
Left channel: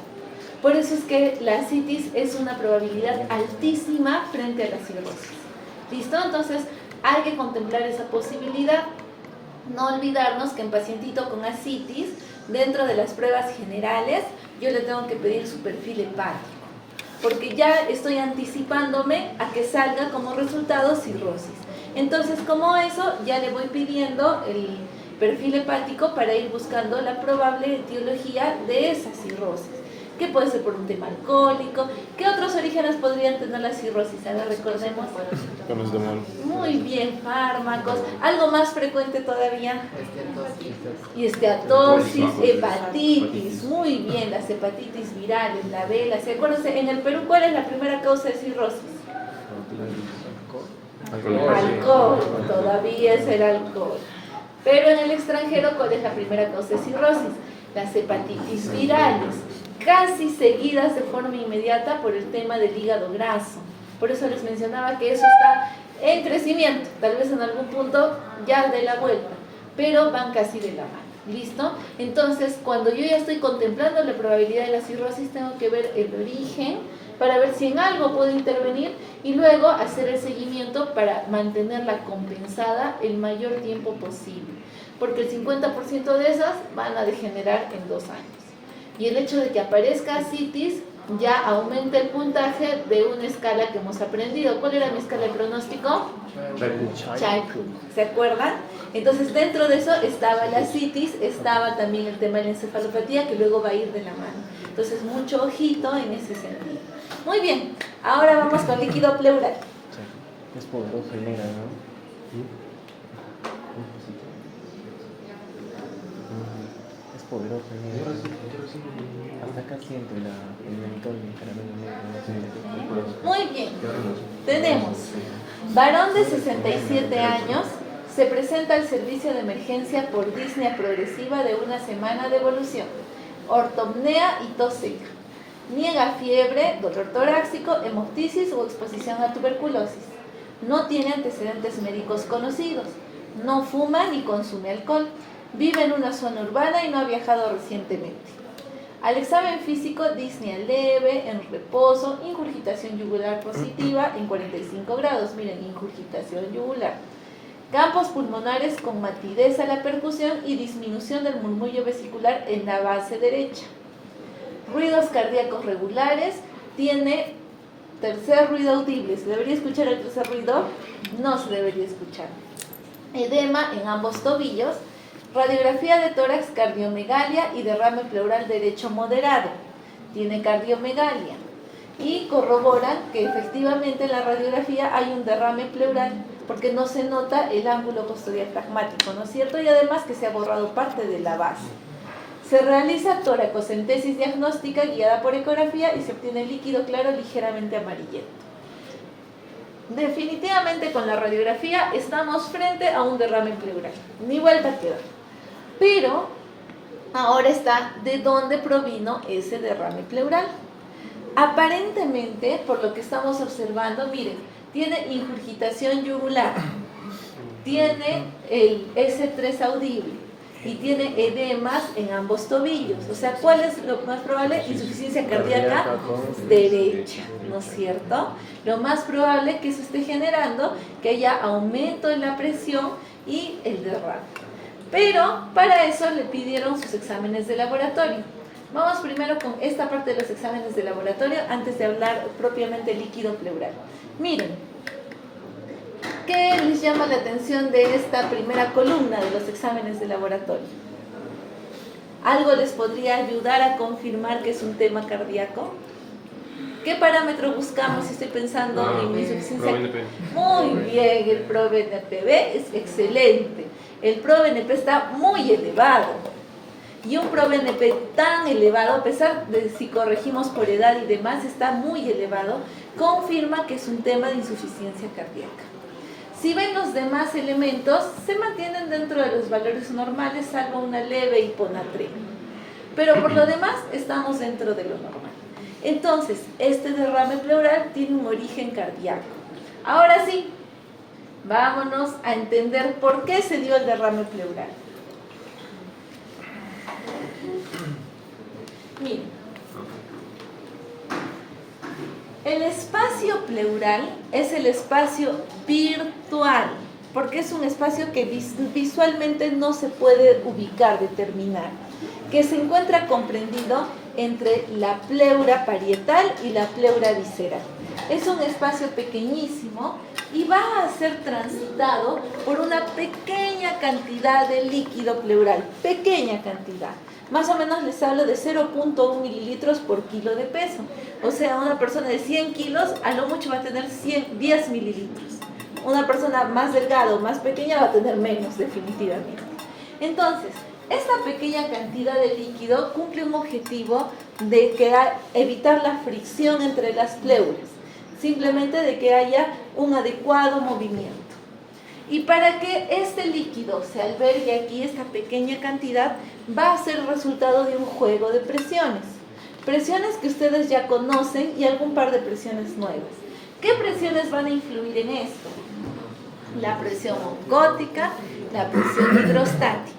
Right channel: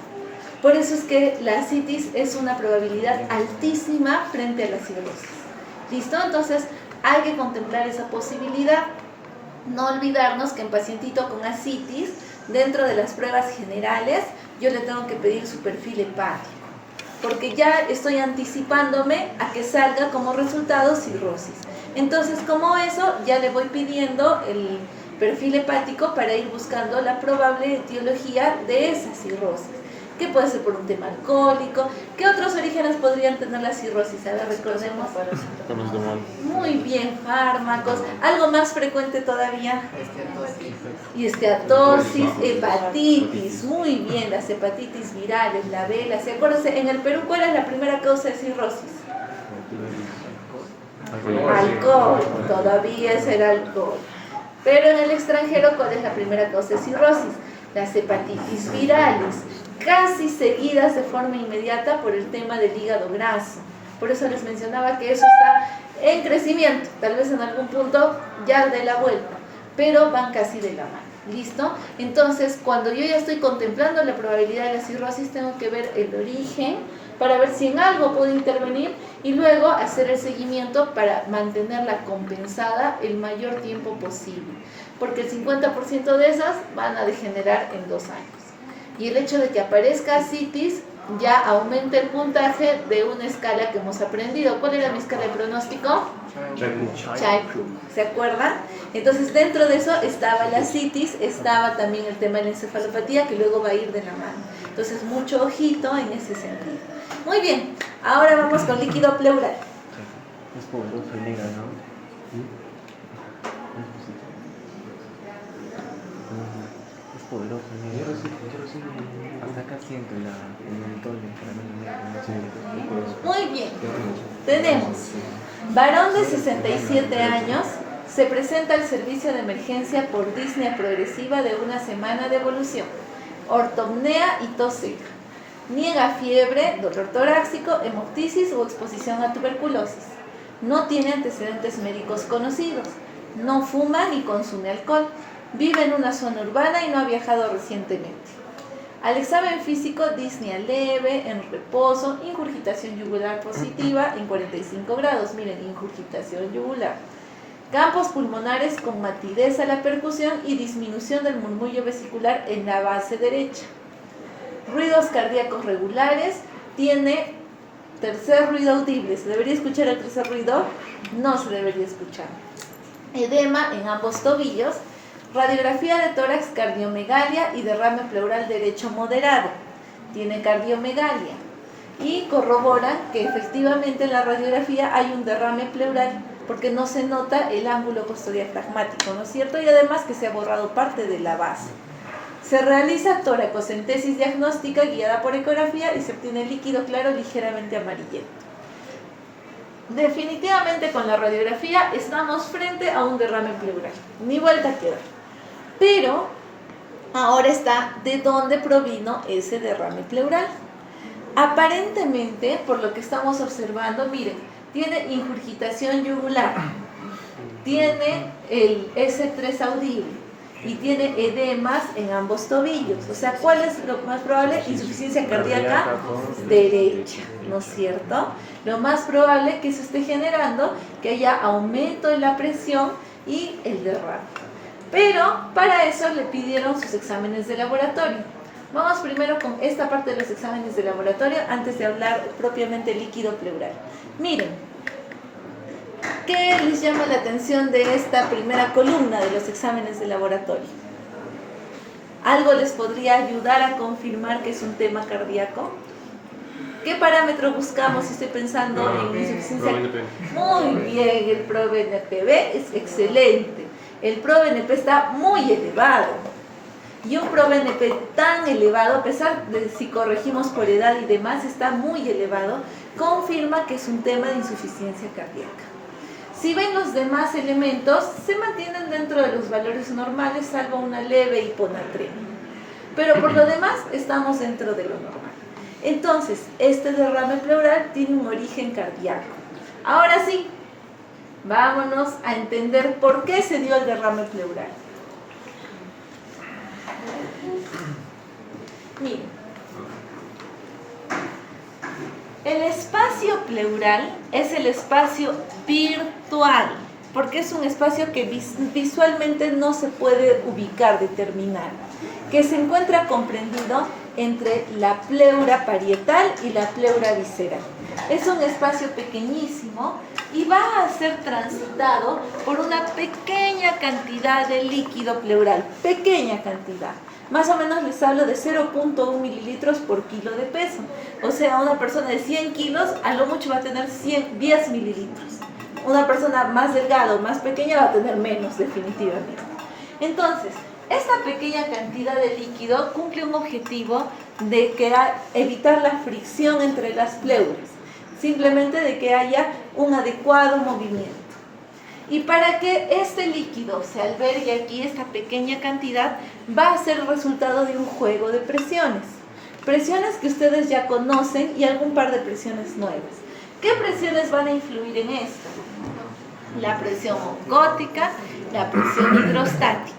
Por eso es que la ascitis es una probabilidad altísima frente a la cirrosis. ¿Listo? Entonces, hay que contemplar esa posibilidad. No olvidarnos que en pacientito con ascitis, dentro de las pruebas generales, yo le tengo que pedir su perfil hepático, porque ya estoy anticipándome a que salga como resultado cirrosis. Entonces, como eso, ya le voy pidiendo el perfil hepático para ir buscando la probable etiología de esa cirrosis, que puede ser por un tema alcohólico. ¿Qué otros orígenes podrían tener la cirrosis? Ahora recordemos. Muy bien, fármacos. Algo más frecuente todavía. Y esteatosis, hepatitis. Muy bien, las hepatitis virales, la vela. Acuérdense, en el Perú, ¿cuál es la primera causa de cirrosis? Alcohol. Todavía es el alcohol. Pero en el extranjero, ¿cuál es la primera causa de cirrosis? Las hepatitis virales, casi seguidas de forma inmediata por el tema del hígado graso. Por eso les mencionaba que eso está en crecimiento, tal vez en algún punto ya de la vuelta, pero van casi de la mano. ¿Listo? Entonces, cuando yo ya estoy contemplando la probabilidad de la cirrosis, tengo que ver el origen para ver si en algo puedo intervenir y luego hacer el seguimiento para mantenerla compensada el mayor tiempo posible, porque el 50% de esas van a degenerar en 2 años. Y el hecho de que aparezca ascitis ya aumenta el puntaje de una escala que hemos aprendido. ¿Cuál era mi escala de pronóstico? Chaiku. ¿Se acuerdan? Entonces, dentro de eso estaba la ascitis, estaba también el tema de la encefalopatía, que luego va a ir de la mano. Entonces, mucho ojito en ese sentido. Muy bien, ahora vamos con líquido pleural. Es poderoso el negra, ¿no? Es poderoso el negro. Hasta acá siento el mentol de caramelo negro. Muy bien, tenemos varón de 67 años, se presenta al servicio de emergencia por disnea progresiva de 1 semana de evolución, ortopnea y tos seca. Niega fiebre, dolor torácico, hemoptisis o exposición a tuberculosis. No tiene antecedentes médicos conocidos. No fuma ni consume alcohol. Vive en una zona urbana y no ha viajado recientemente. Al examen físico, disnea leve, en reposo, ingurgitación yugular positiva en 45 grados. Miren, ingurgitación yugular. campos pulmonares con matidez a la percusión y disminución del murmullo vesicular en la base derecha. Ruidos cardíacos regulares, tiene tercer ruido audible. ¿Se debería escuchar el tercer ruido? No se debería escuchar. Edema en ambos tobillos, radiografía de tórax, cardiomegalia y derrame pleural derecho moderado. Tiene cardiomegalia y corrobora que efectivamente en la radiografía hay un derrame pleural porque no se nota el ángulo costodiafragmático, ¿no es cierto? Y además que se ha borrado parte de la base. Se realiza toracocentesis diagnóstica guiada por ecografía y se obtiene líquido claro ligeramente amarillento. Definitivamente con la radiografía estamos frente a un derrame pleural, ni vuelta a quedar. Pero ahora está de dónde provino ese derrame pleural. Aparentemente, por lo que estamos observando, miren, tiene ingurgitación yugular, tiene el S3 audible y tiene edemas en ambos tobillos. O sea, ¿cuál es lo más probable? Insuficiencia cardíaca derecha, ¿no es cierto? Lo más probable que se esté generando que haya aumento en la presión y el derrame. Pero para eso le pidieron sus exámenes de laboratorio. Vamos primero con esta parte de los exámenes de laboratorio antes de hablar propiamente líquido pleural. Miren, ¿qué les llama la atención de esta primera columna de los exámenes de laboratorio? ¿Algo les podría ayudar a confirmar que es un tema cardíaco? ¿Qué parámetro buscamos si estoy pensando en insuficiencia? Muy bien, el ProBNP es excelente. El ProBNP está muy elevado. Y un ProBNP tan elevado, a pesar de si corregimos por edad y demás, está muy elevado, confirma que es un tema de insuficiencia cardíaca. Si ven los demás elementos, se mantienen dentro de los valores normales, salvo una leve hiponatremia. Pero por lo demás, estamos dentro de lo normal. Entonces, este derrame pleural tiene un origen cardíaco. Ahora sí, vámonos a entender por qué se dio el derrame pleural. Miren, el espacio pleural es el espacio virtual, porque es un espacio que visualmente no se puede ubicar, determinar, que se encuentra comprendido entre la pleura parietal y la pleura visceral. Es un espacio pequeñísimo y va a ser transitado por una pequeña cantidad de líquido pleural, pequeña cantidad. Más o menos les hablo de 0.1 mililitros por kilo de peso. O sea, una persona de 100 kilos a lo mucho va a tener 10 mililitros. Una persona más delgada o más pequeña va a tener menos, definitivamente. Entonces, esta pequeña cantidad de líquido cumple un objetivo de evitar la fricción entre las pleuras, simplemente de que haya un adecuado movimiento. Y para que este líquido se albergue aquí, esta pequeña cantidad, va a ser el resultado de un juego de presiones. Presiones que ustedes ya conocen y algún par de presiones nuevas. ¿Qué presiones van a influir en esto? La presión oncótica, la presión hidrostática.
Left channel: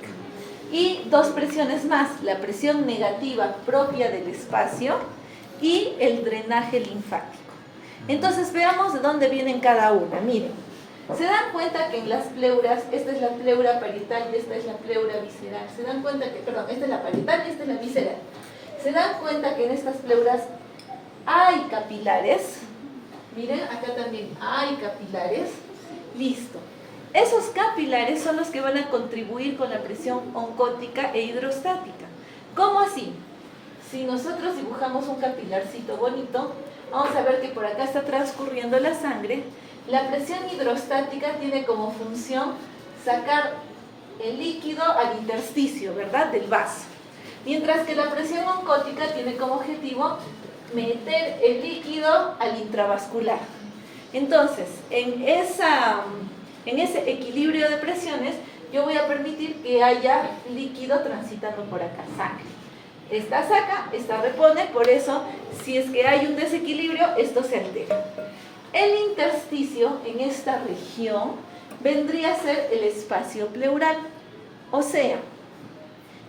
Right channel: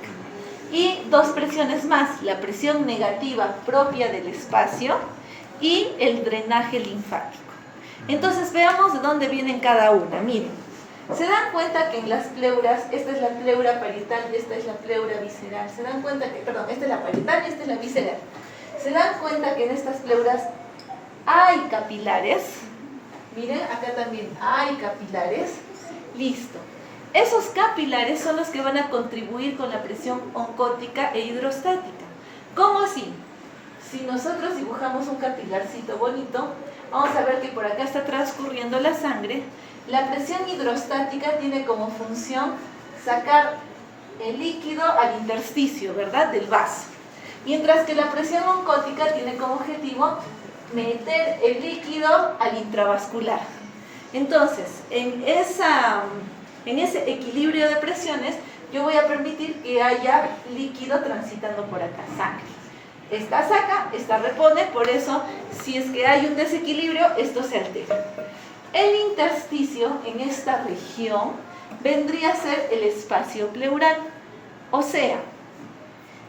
Y dos presiones más, la presión negativa propia del espacio y el drenaje linfático. Entonces veamos de dónde vienen cada una. Miren, se dan cuenta que en las pleuras, esta es la pleura parietal y esta es la pleura visceral. Se dan cuenta que, perdón, esta es la parietal y esta es la visceral. Se dan cuenta que en estas pleuras hay capilares. Miren, acá también hay capilares. Listo. Esos capilares son los que van a contribuir con la presión oncótica e hidrostática. ¿Cómo así? Si nosotros dibujamos un capilarcito bonito, vamos a ver que por acá está transcurriendo la sangre. La presión hidrostática tiene como función sacar el líquido al intersticio, ¿verdad? Del vaso. Mientras que la presión oncótica tiene como objetivo meter el líquido al intravascular. Entonces, en ese equilibrio de presiones, yo voy a permitir que haya líquido transitando por acá, sangre. Esta saca, esta repone, por eso, si es que hay un desequilibrio, esto se altera. El intersticio en esta región vendría a ser el espacio pleural, o sea,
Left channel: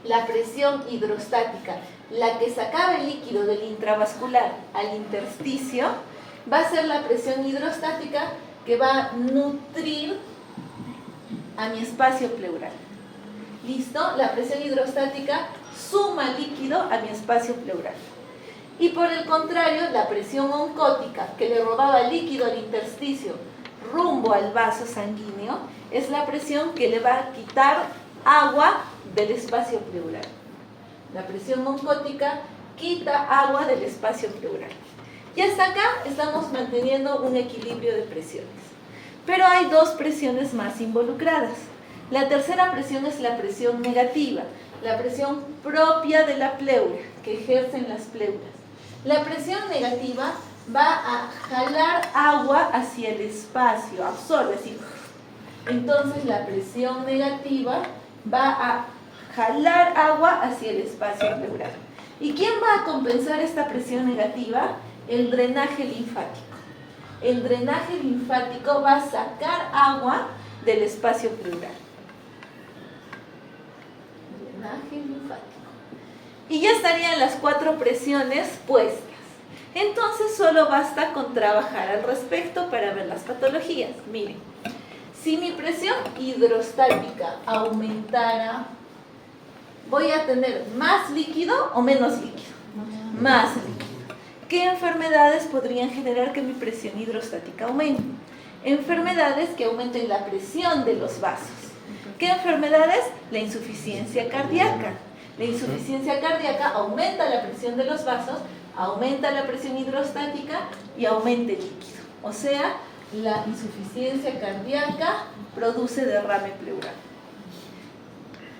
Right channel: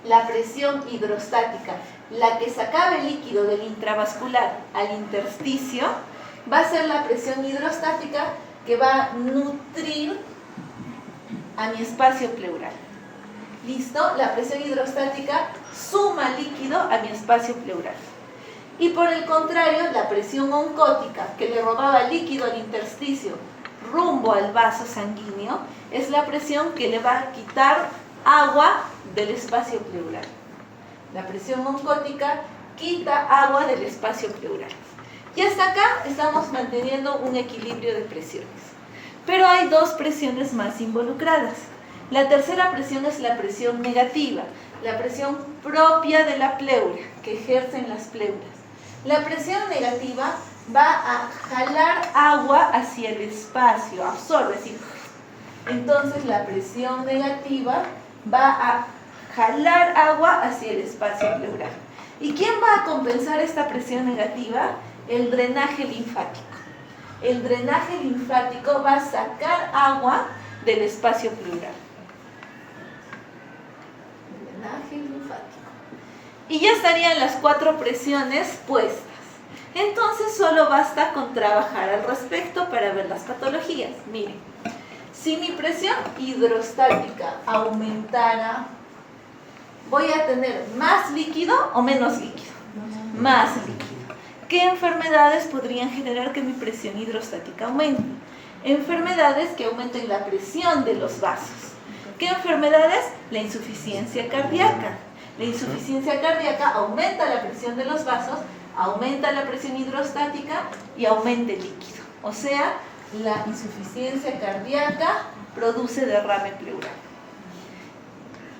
la presión hidrostática, la que sacaba el líquido del intravascular al intersticio, va a ser la presión hidrostática que va a nutrir a mi espacio pleural. ¿Listo? La presión hidrostática suma líquido a mi espacio pleural. Y por el contrario, la presión oncótica, que le robaba líquido al intersticio rumbo al vaso sanguíneo, es la presión que le va a quitar agua del espacio pleural. La presión oncótica quita agua del espacio pleural. Y hasta acá estamos manteniendo un equilibrio de presiones. Pero hay dos presiones más involucradas. La tercera presión es la presión negativa, la presión propia de la pleura, que ejercen las pleuras. La presión negativa va a jalar agua hacia el espacio, absorbe, así. Entonces la presión negativa va a jalar agua hacia el espacio pleural. ¿Y quién va a compensar esta presión negativa? El drenaje linfático. El drenaje linfático va a sacar agua del espacio pleural. Drenaje linfático. Y ya estarían las 4 presiones puestas. Entonces solo basta con trabajar al respecto para ver las patologías. Miren, si mi presión hidrostática aumentara, ¿voy a tener más líquido o menos líquido? Más líquido. ¿Qué enfermedades podrían generar que mi presión hidrostática aumente? Enfermedades que aumenten la presión de los vasos. ¿Qué enfermedades? La insuficiencia cardíaca. La insuficiencia cardíaca aumenta la presión de los vasos, aumenta la presión hidrostática y aumenta el líquido. O sea, la insuficiencia cardíaca produce derrame pleural.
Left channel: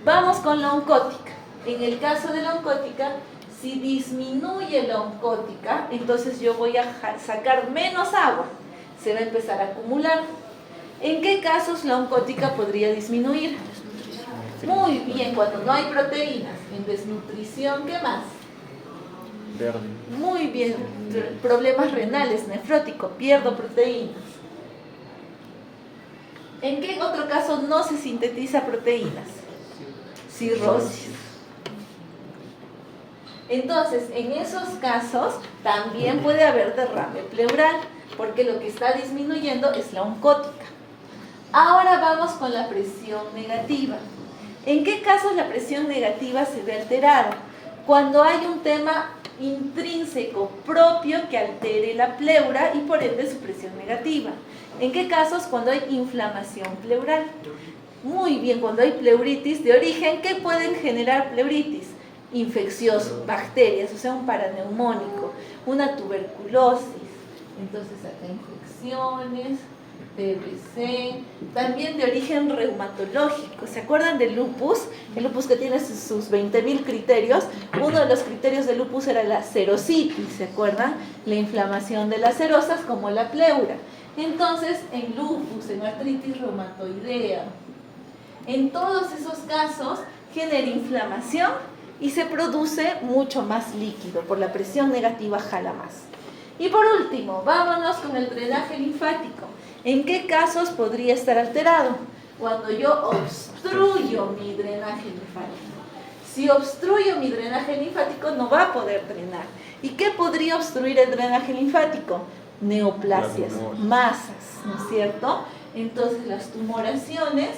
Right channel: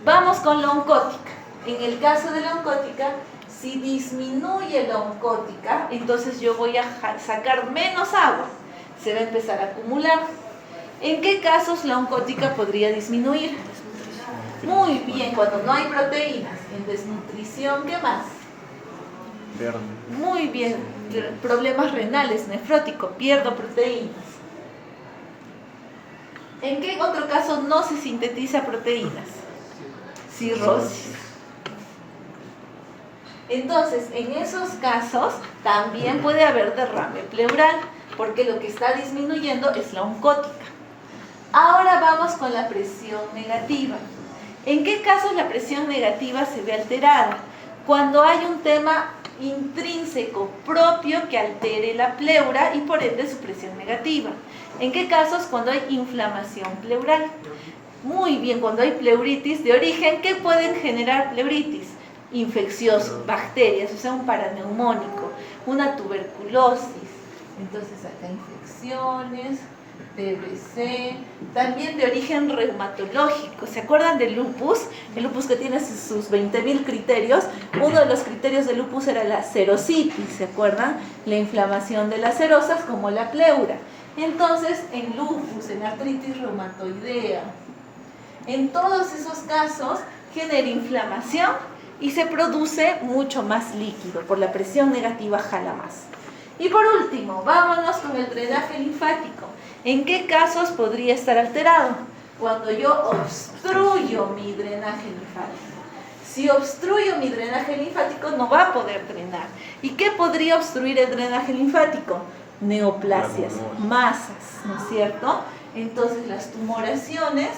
Vamos con la oncótica. En el caso de la oncótica, si disminuye la oncótica, entonces yo voy a sacar menos agua. Se va a empezar a acumular. ¿En qué casos la oncótica podría disminuir? Muy bien, cuando no hay proteínas. En desnutrición, ¿qué más? Muy bien, problemas renales, nefrótico, pierdo proteínas. ¿En qué otro caso no se sintetiza proteínas? Cirrosis. Entonces, en esos casos también puede haber derrame pleural, porque lo que está disminuyendo es la oncótica. Ahora vamos con la presión negativa. ¿En qué casos la presión negativa se ve alterada? Cuando hay un tema intrínseco propio que altere la pleura y por ende su presión negativa. ¿En qué casos? Cuando hay inflamación pleural. Muy bien, cuando hay pleuritis de origen, ¿qué pueden generar pleuritis? Infeccioso, bacterias, o sea, un paraneumónico, una tuberculosis. Entonces acá infecciones, TBC, también de origen reumatológico. ¿Se acuerdan del lupus? El lupus que tiene sus 20.000 criterios. Uno de los criterios del lupus era la serositis, ¿se acuerdan? La inflamación de las serosas como la pleura. Entonces, en lupus, en artritis reumatoidea, en todos esos casos genera inflamación y se produce mucho más líquido. Por la presión negativa jala más. Y por último, vámonos con el drenaje linfático. ¿En qué casos podría estar alterado? Cuando yo obstruyo mi drenaje linfático. Si obstruyo mi drenaje linfático, no va a poder drenar. ¿Y qué podría obstruir el drenaje linfático? Neoplasias, masas, ¿no es cierto? Entonces las tumoraciones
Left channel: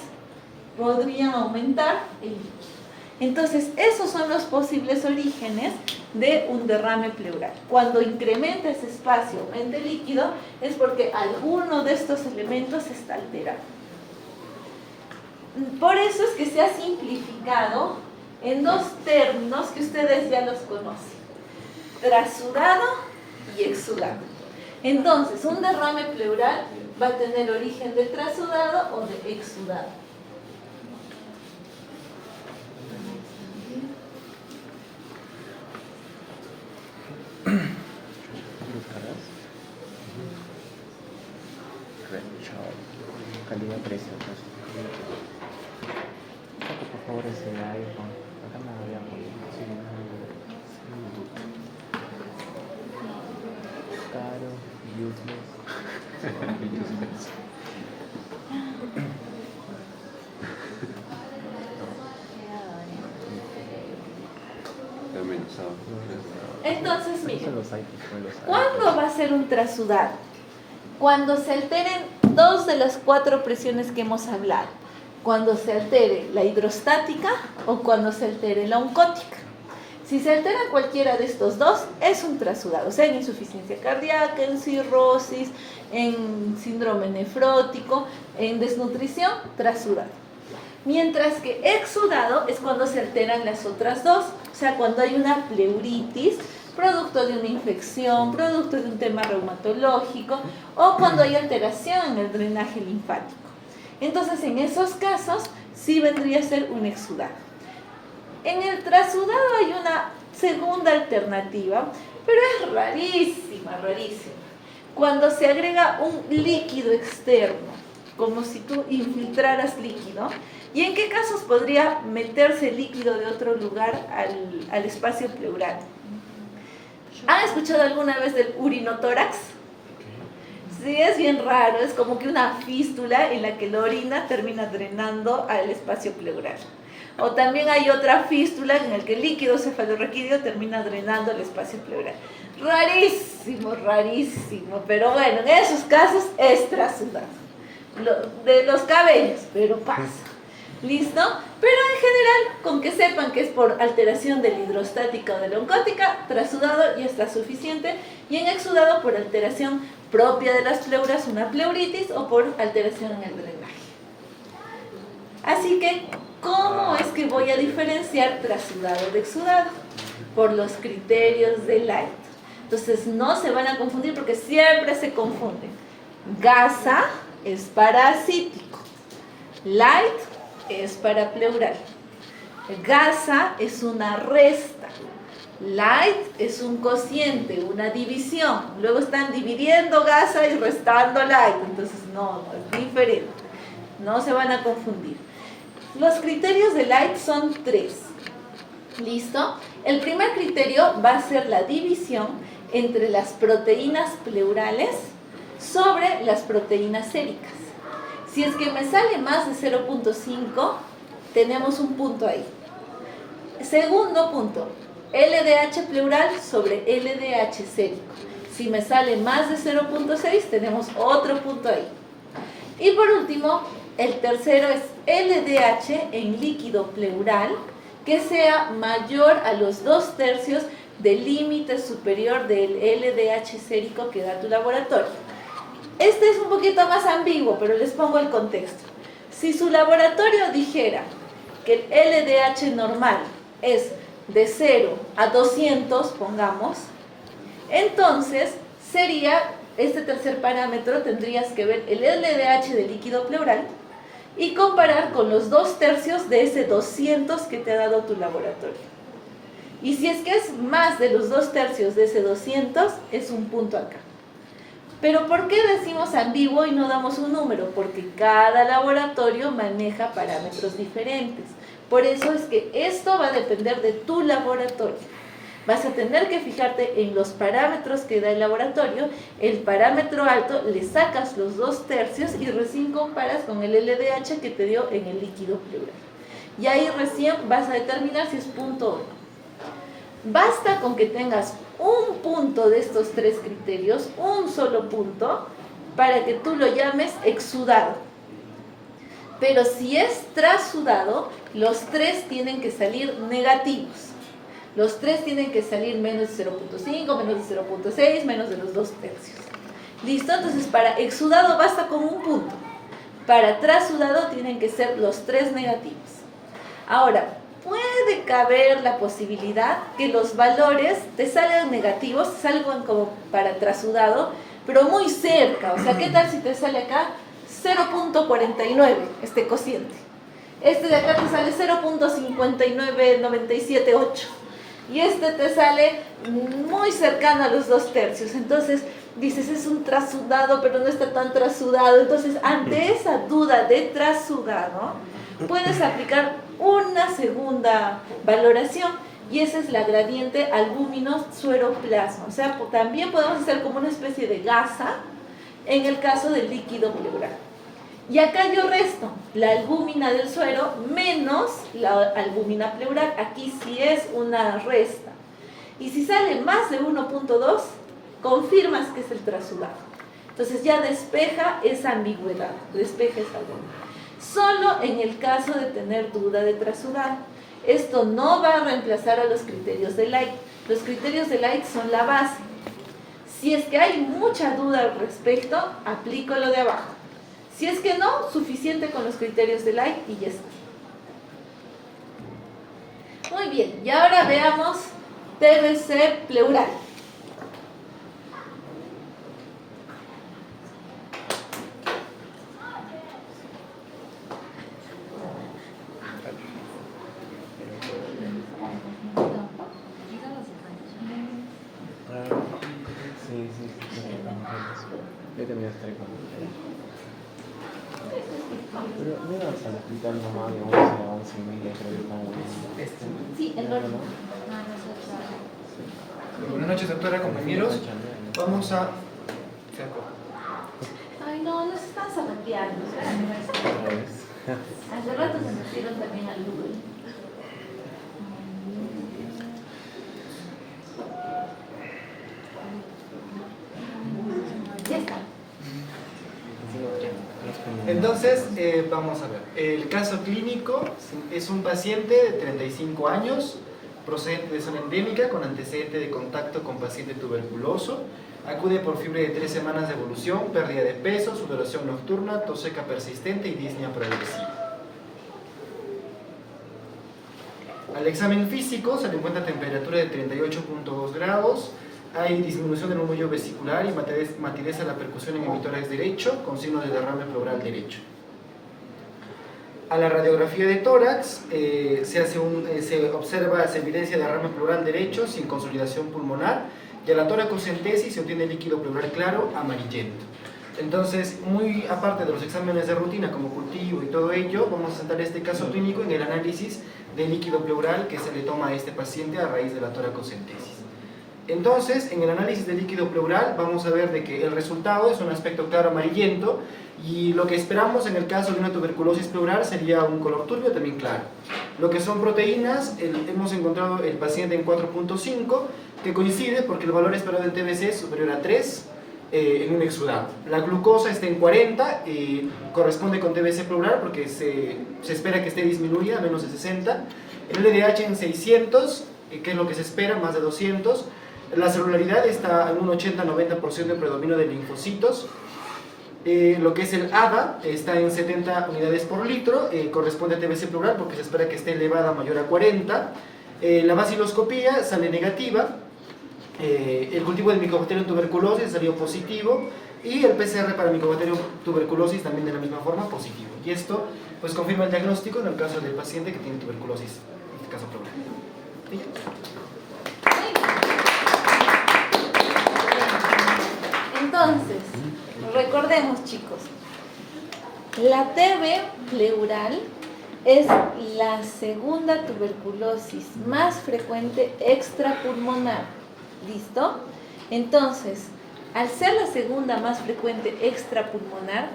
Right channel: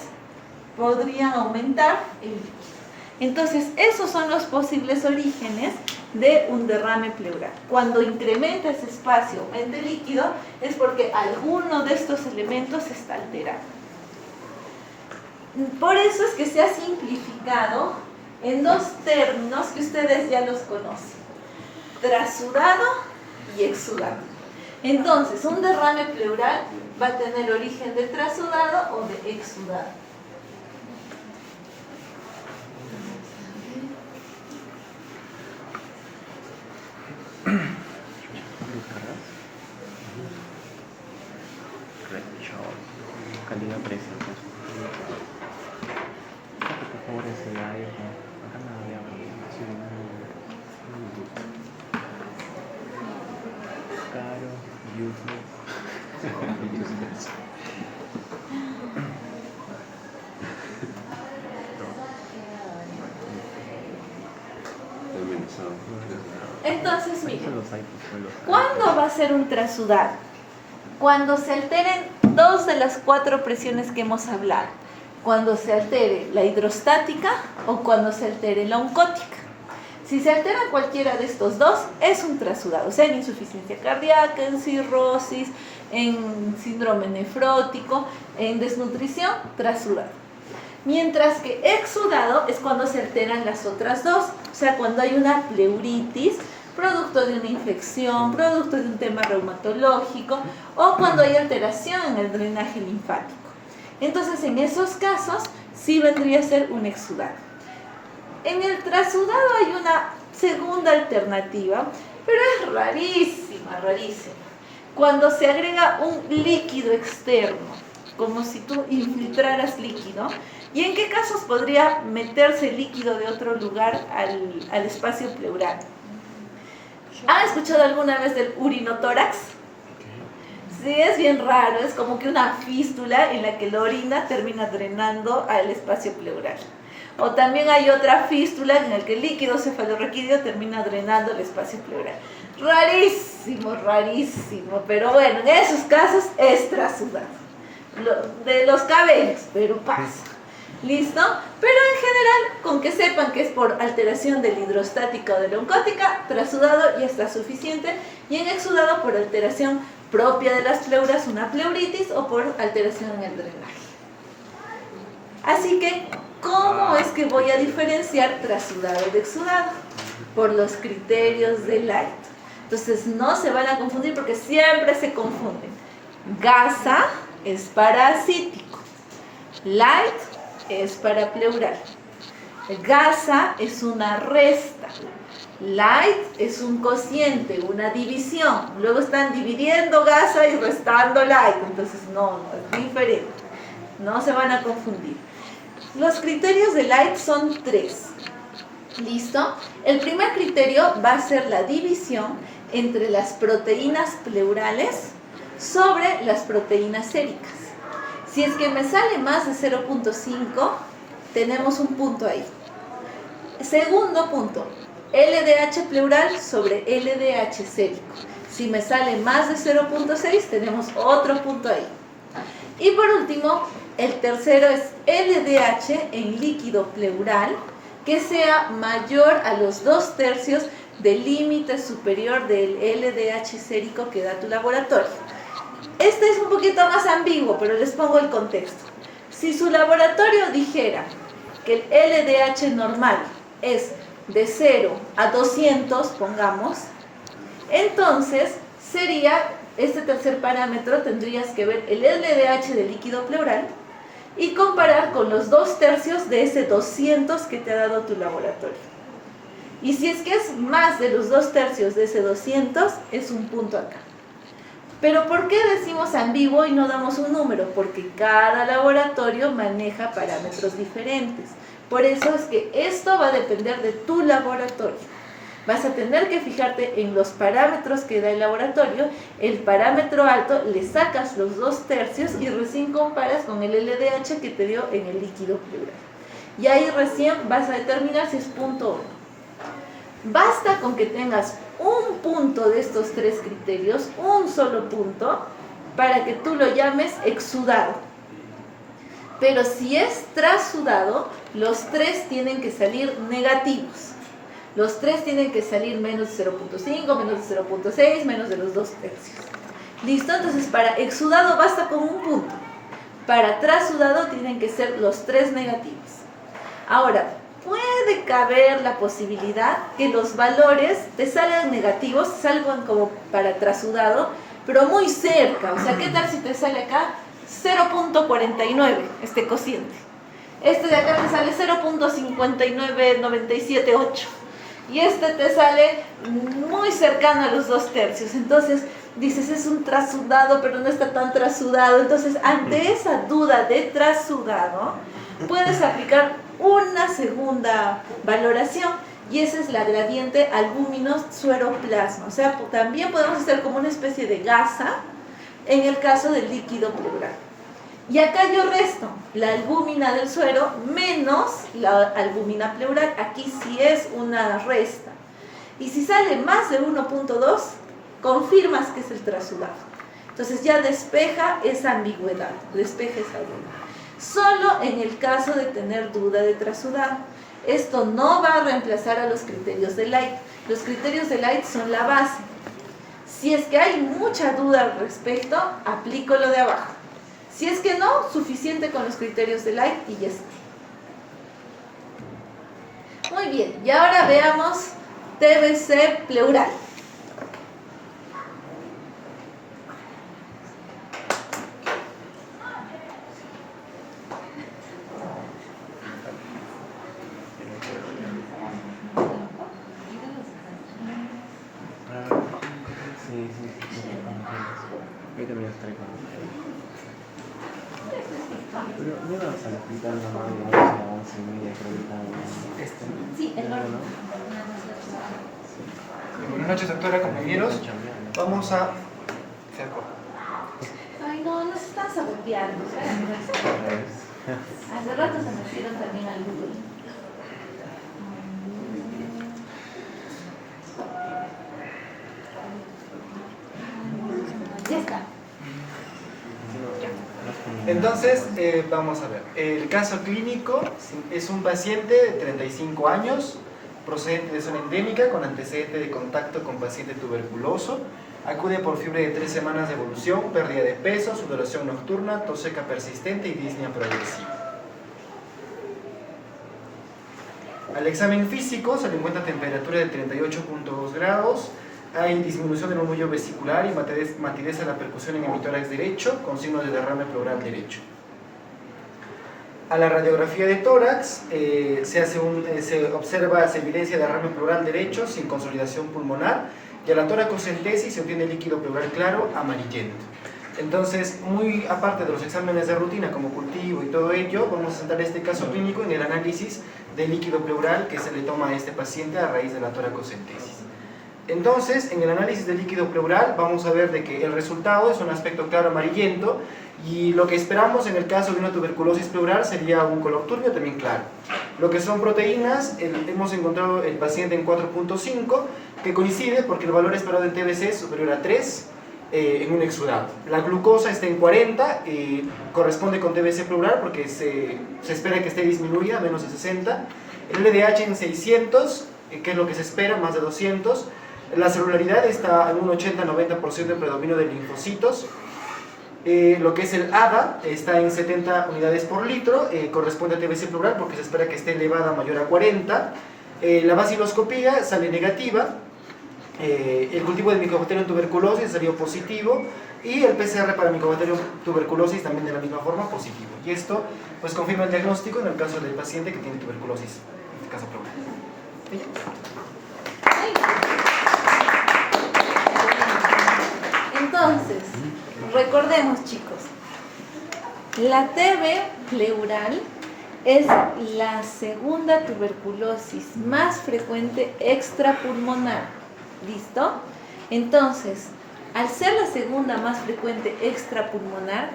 podrían aumentar el líquido. Entonces, esos son los posibles orígenes de un derrame pleural. Cuando incrementa ese espacio, aumenta el líquido, es porque alguno de estos elementos está alterado. Por eso es que se ha simplificado en 2 términos que ustedes ya los conocen: trasudado y exudado. Entonces, un derrame pleural va a tener origen de trasudado o de exudado. Calidad precio. Por favor, ese iPhone. Acá nada de agua. Caro, useless. Entonces, miren, ¿cuándo va a ser un trasudado? Cuando se alteren 2 de las 4 presiones que hemos hablado. cuando se altere la hidrostática o cuando se altere la oncótica. Si se altera cualquiera de estos dos, es un trasudado, o sea, en insuficiencia cardíaca, en cirrosis, en síndrome nefrótico, en desnutrición, trasudado. Mientras que exudado es cuando se alteran las otras dos, o sea, cuando hay una pleuritis, producto de una infección, producto de un tema reumatológico, o cuando hay alteración en el drenaje linfático. Entonces, en esos casos, sí vendría a ser un exudado. En el trasudado hay una segunda alternativa, pero es rarísima, rarísima. Cuando se agrega un líquido externo, como si tú infiltraras líquido, ¿y en qué casos podría meterse líquido de otro lugar al espacio pleural? ¿Han escuchado alguna vez del urinotórax? Sí, es bien raro, es como que una fístula en la que la orina termina drenando al espacio pleural. O también hay otra fístula en la que el líquido cefalorraquídeo termina drenando el espacio pleural. Rarísimo, rarísimo, pero bueno, en esos casos es trasudado. De los cabellos, pero pasa. ¿Listo? Pero en general, con que sepan que es por alteración de la hidrostática o de la oncótica, trasudado ya está suficiente. Y en exudado por alteración propia de las pleuras, una pleuritis, o por alteración en el drenaje. Así que, ¿cómo es que voy a diferenciar trasudado de exudado? Por los criterios de Light. Entonces no se van a confundir porque siempre se confunden. Gasa es parasítico. Light es para pleural. Gasa es una resta. Light es un cociente, una división. Luego están dividiendo gasa y restando light. Entonces no, es diferente. No se van a confundir. Los criterios de Light son 3. ¿Listo? El primer criterio va a ser la división entre las proteínas pleurales sobre las proteínas séricas. Si es que me sale más de 0.5, tenemos un punto ahí. Segundo punto, LDH pleural sobre LDH sérico. Si me sale más de 0.6, tenemos otro punto ahí. Y por último, el tercero es LDH en líquido pleural que sea mayor a los 2/3 del límite superior del LDH sérico que da tu laboratorio. Este es un poquito más ambiguo, pero les pongo el contexto. Si su laboratorio dijera que el LDH normal es de 0 a 200, pongamos, entonces sería, este tercer parámetro, tendrías que ver el LDH del líquido pleural y comparar con los 2/3 de ese 200 que te ha dado tu laboratorio. Y si es que es más de los 2/3 de ese 200, es un punto acá. Pero ¿por qué decimos ambiguo y no damos un número? Porque cada laboratorio maneja parámetros diferentes. Por eso es que esto va a depender de tu laboratorio. Vas a tener que fijarte en los parámetros que da el laboratorio. El parámetro alto, le sacas los 2/3 y recién comparas con el LDH que te dio en el líquido pleural. Y ahí recién vas a determinar si es punto o no. Basta con que tengas un punto de estos 3 criterios, un solo punto, para que tú lo llames exudado. Pero si es trasudado, los 3 tienen que salir negativos. Los 3 tienen que salir menos de 0.5, menos de 0.6, menos de los 2/3. ¿Listo? Entonces para exudado basta con un punto. Para trasudado tienen que ser los 3 negativos. Ahora, puede caber la posibilidad que los valores te salgan negativos, salgan como para trasudado, pero muy cerca. O sea, ¿qué tal si te sale acá 0.49 este cociente? Este de acá te sale 0.59978. Y este te sale muy cercano a los 2/3. Entonces dices, es un trasudado, pero no está tan trasudado. Entonces, ante esa duda de trasudado, puedes aplicar una segunda valoración. Y esa es la gradiente albúmino-suero-plasma. O sea, también podemos hacer como una especie de gasa en el caso del líquido pleural. Y acá yo resto la albúmina del suero menos la albúmina pleural. Aquí sí es una resta. Y si sale más de 1.2, confirmas que es el trasudado. Entonces ya despeja esa ambigüedad, despeja esa duda. solo en el caso de tener duda de trasudado. Esto no va a reemplazar a los criterios de Light. Los criterios de Light son la base. Si es que hay mucha duda al respecto, aplico lo de abajo. Si es que no, suficiente con los criterios de Light y ya está. Muy bien, y ahora veamos TBC pleural. Yo también estaré con pero me vas al hospital nomás de 11 a 11 y media, creo que como Sí, el ¿no? normal. Buenas noches, doctora, compañeros. Vamos a... Se acabó. Ay, no, nos están saboteando. Hace rato se metieron también al Google. Ya está. Entonces, vamos a ver. El caso clínico es un paciente de 35 años, procedente de zona endémica, con antecedente de contacto con paciente tuberculoso. Acude por fiebre de 3 semanas de evolución, pérdida de peso, sudoración nocturna, tos seca persistente y disnea progresiva. Al examen físico se le encuentra temperatura de 38.2 grados, hay disminución del murmullo vesicular y matidez de la percusión en emitórax derecho con signos de derrame pleural derecho. A la radiografía de tórax se observa evidencia de derrame pleural derecho sin consolidación pulmonar y a la toracocentesis se obtiene líquido pleural claro amarillento. Entonces, muy aparte de los exámenes de rutina como cultivo y todo ello, vamos a centrar este caso clínico en el análisis del líquido pleural que se le toma a este paciente a raíz de la toracocentesis. Entonces, en el análisis del líquido pleural vamos a ver de que el resultado es un aspecto claro amarillento y lo que esperamos en el caso de una tuberculosis pleural sería un color turbio también claro. Lo que son proteínas, hemos encontrado el paciente en 4.5 que coincide porque el valor esperado en TBC es superior a 3 en un exudado. La glucosa está en 40 y corresponde con TBC pleural porque se espera que esté disminuida a menos de 60. El LDH en 600, que es lo que se espera, más de 200. La celularidad está en un 80-90% de predominio de linfocitos. Lo que es el ADA está en 70 unidades por litro, corresponde a TBC pleural porque se espera que esté elevada mayor a 40. La vaciloscopía sale negativa. El cultivo de Mycobacterium tuberculosis salió positivo y el PCR para Mycobacterium tuberculosis también de la misma forma positivo. Y esto pues confirma el diagnóstico en el caso del paciente que tiene tuberculosis, en este caso pleural. ¿Sí? Entonces, recordemos chicos, la TB pleural es la segunda tuberculosis más frecuente extrapulmonar. ¿Listo? Entonces, al ser la segunda más frecuente extrapulmonar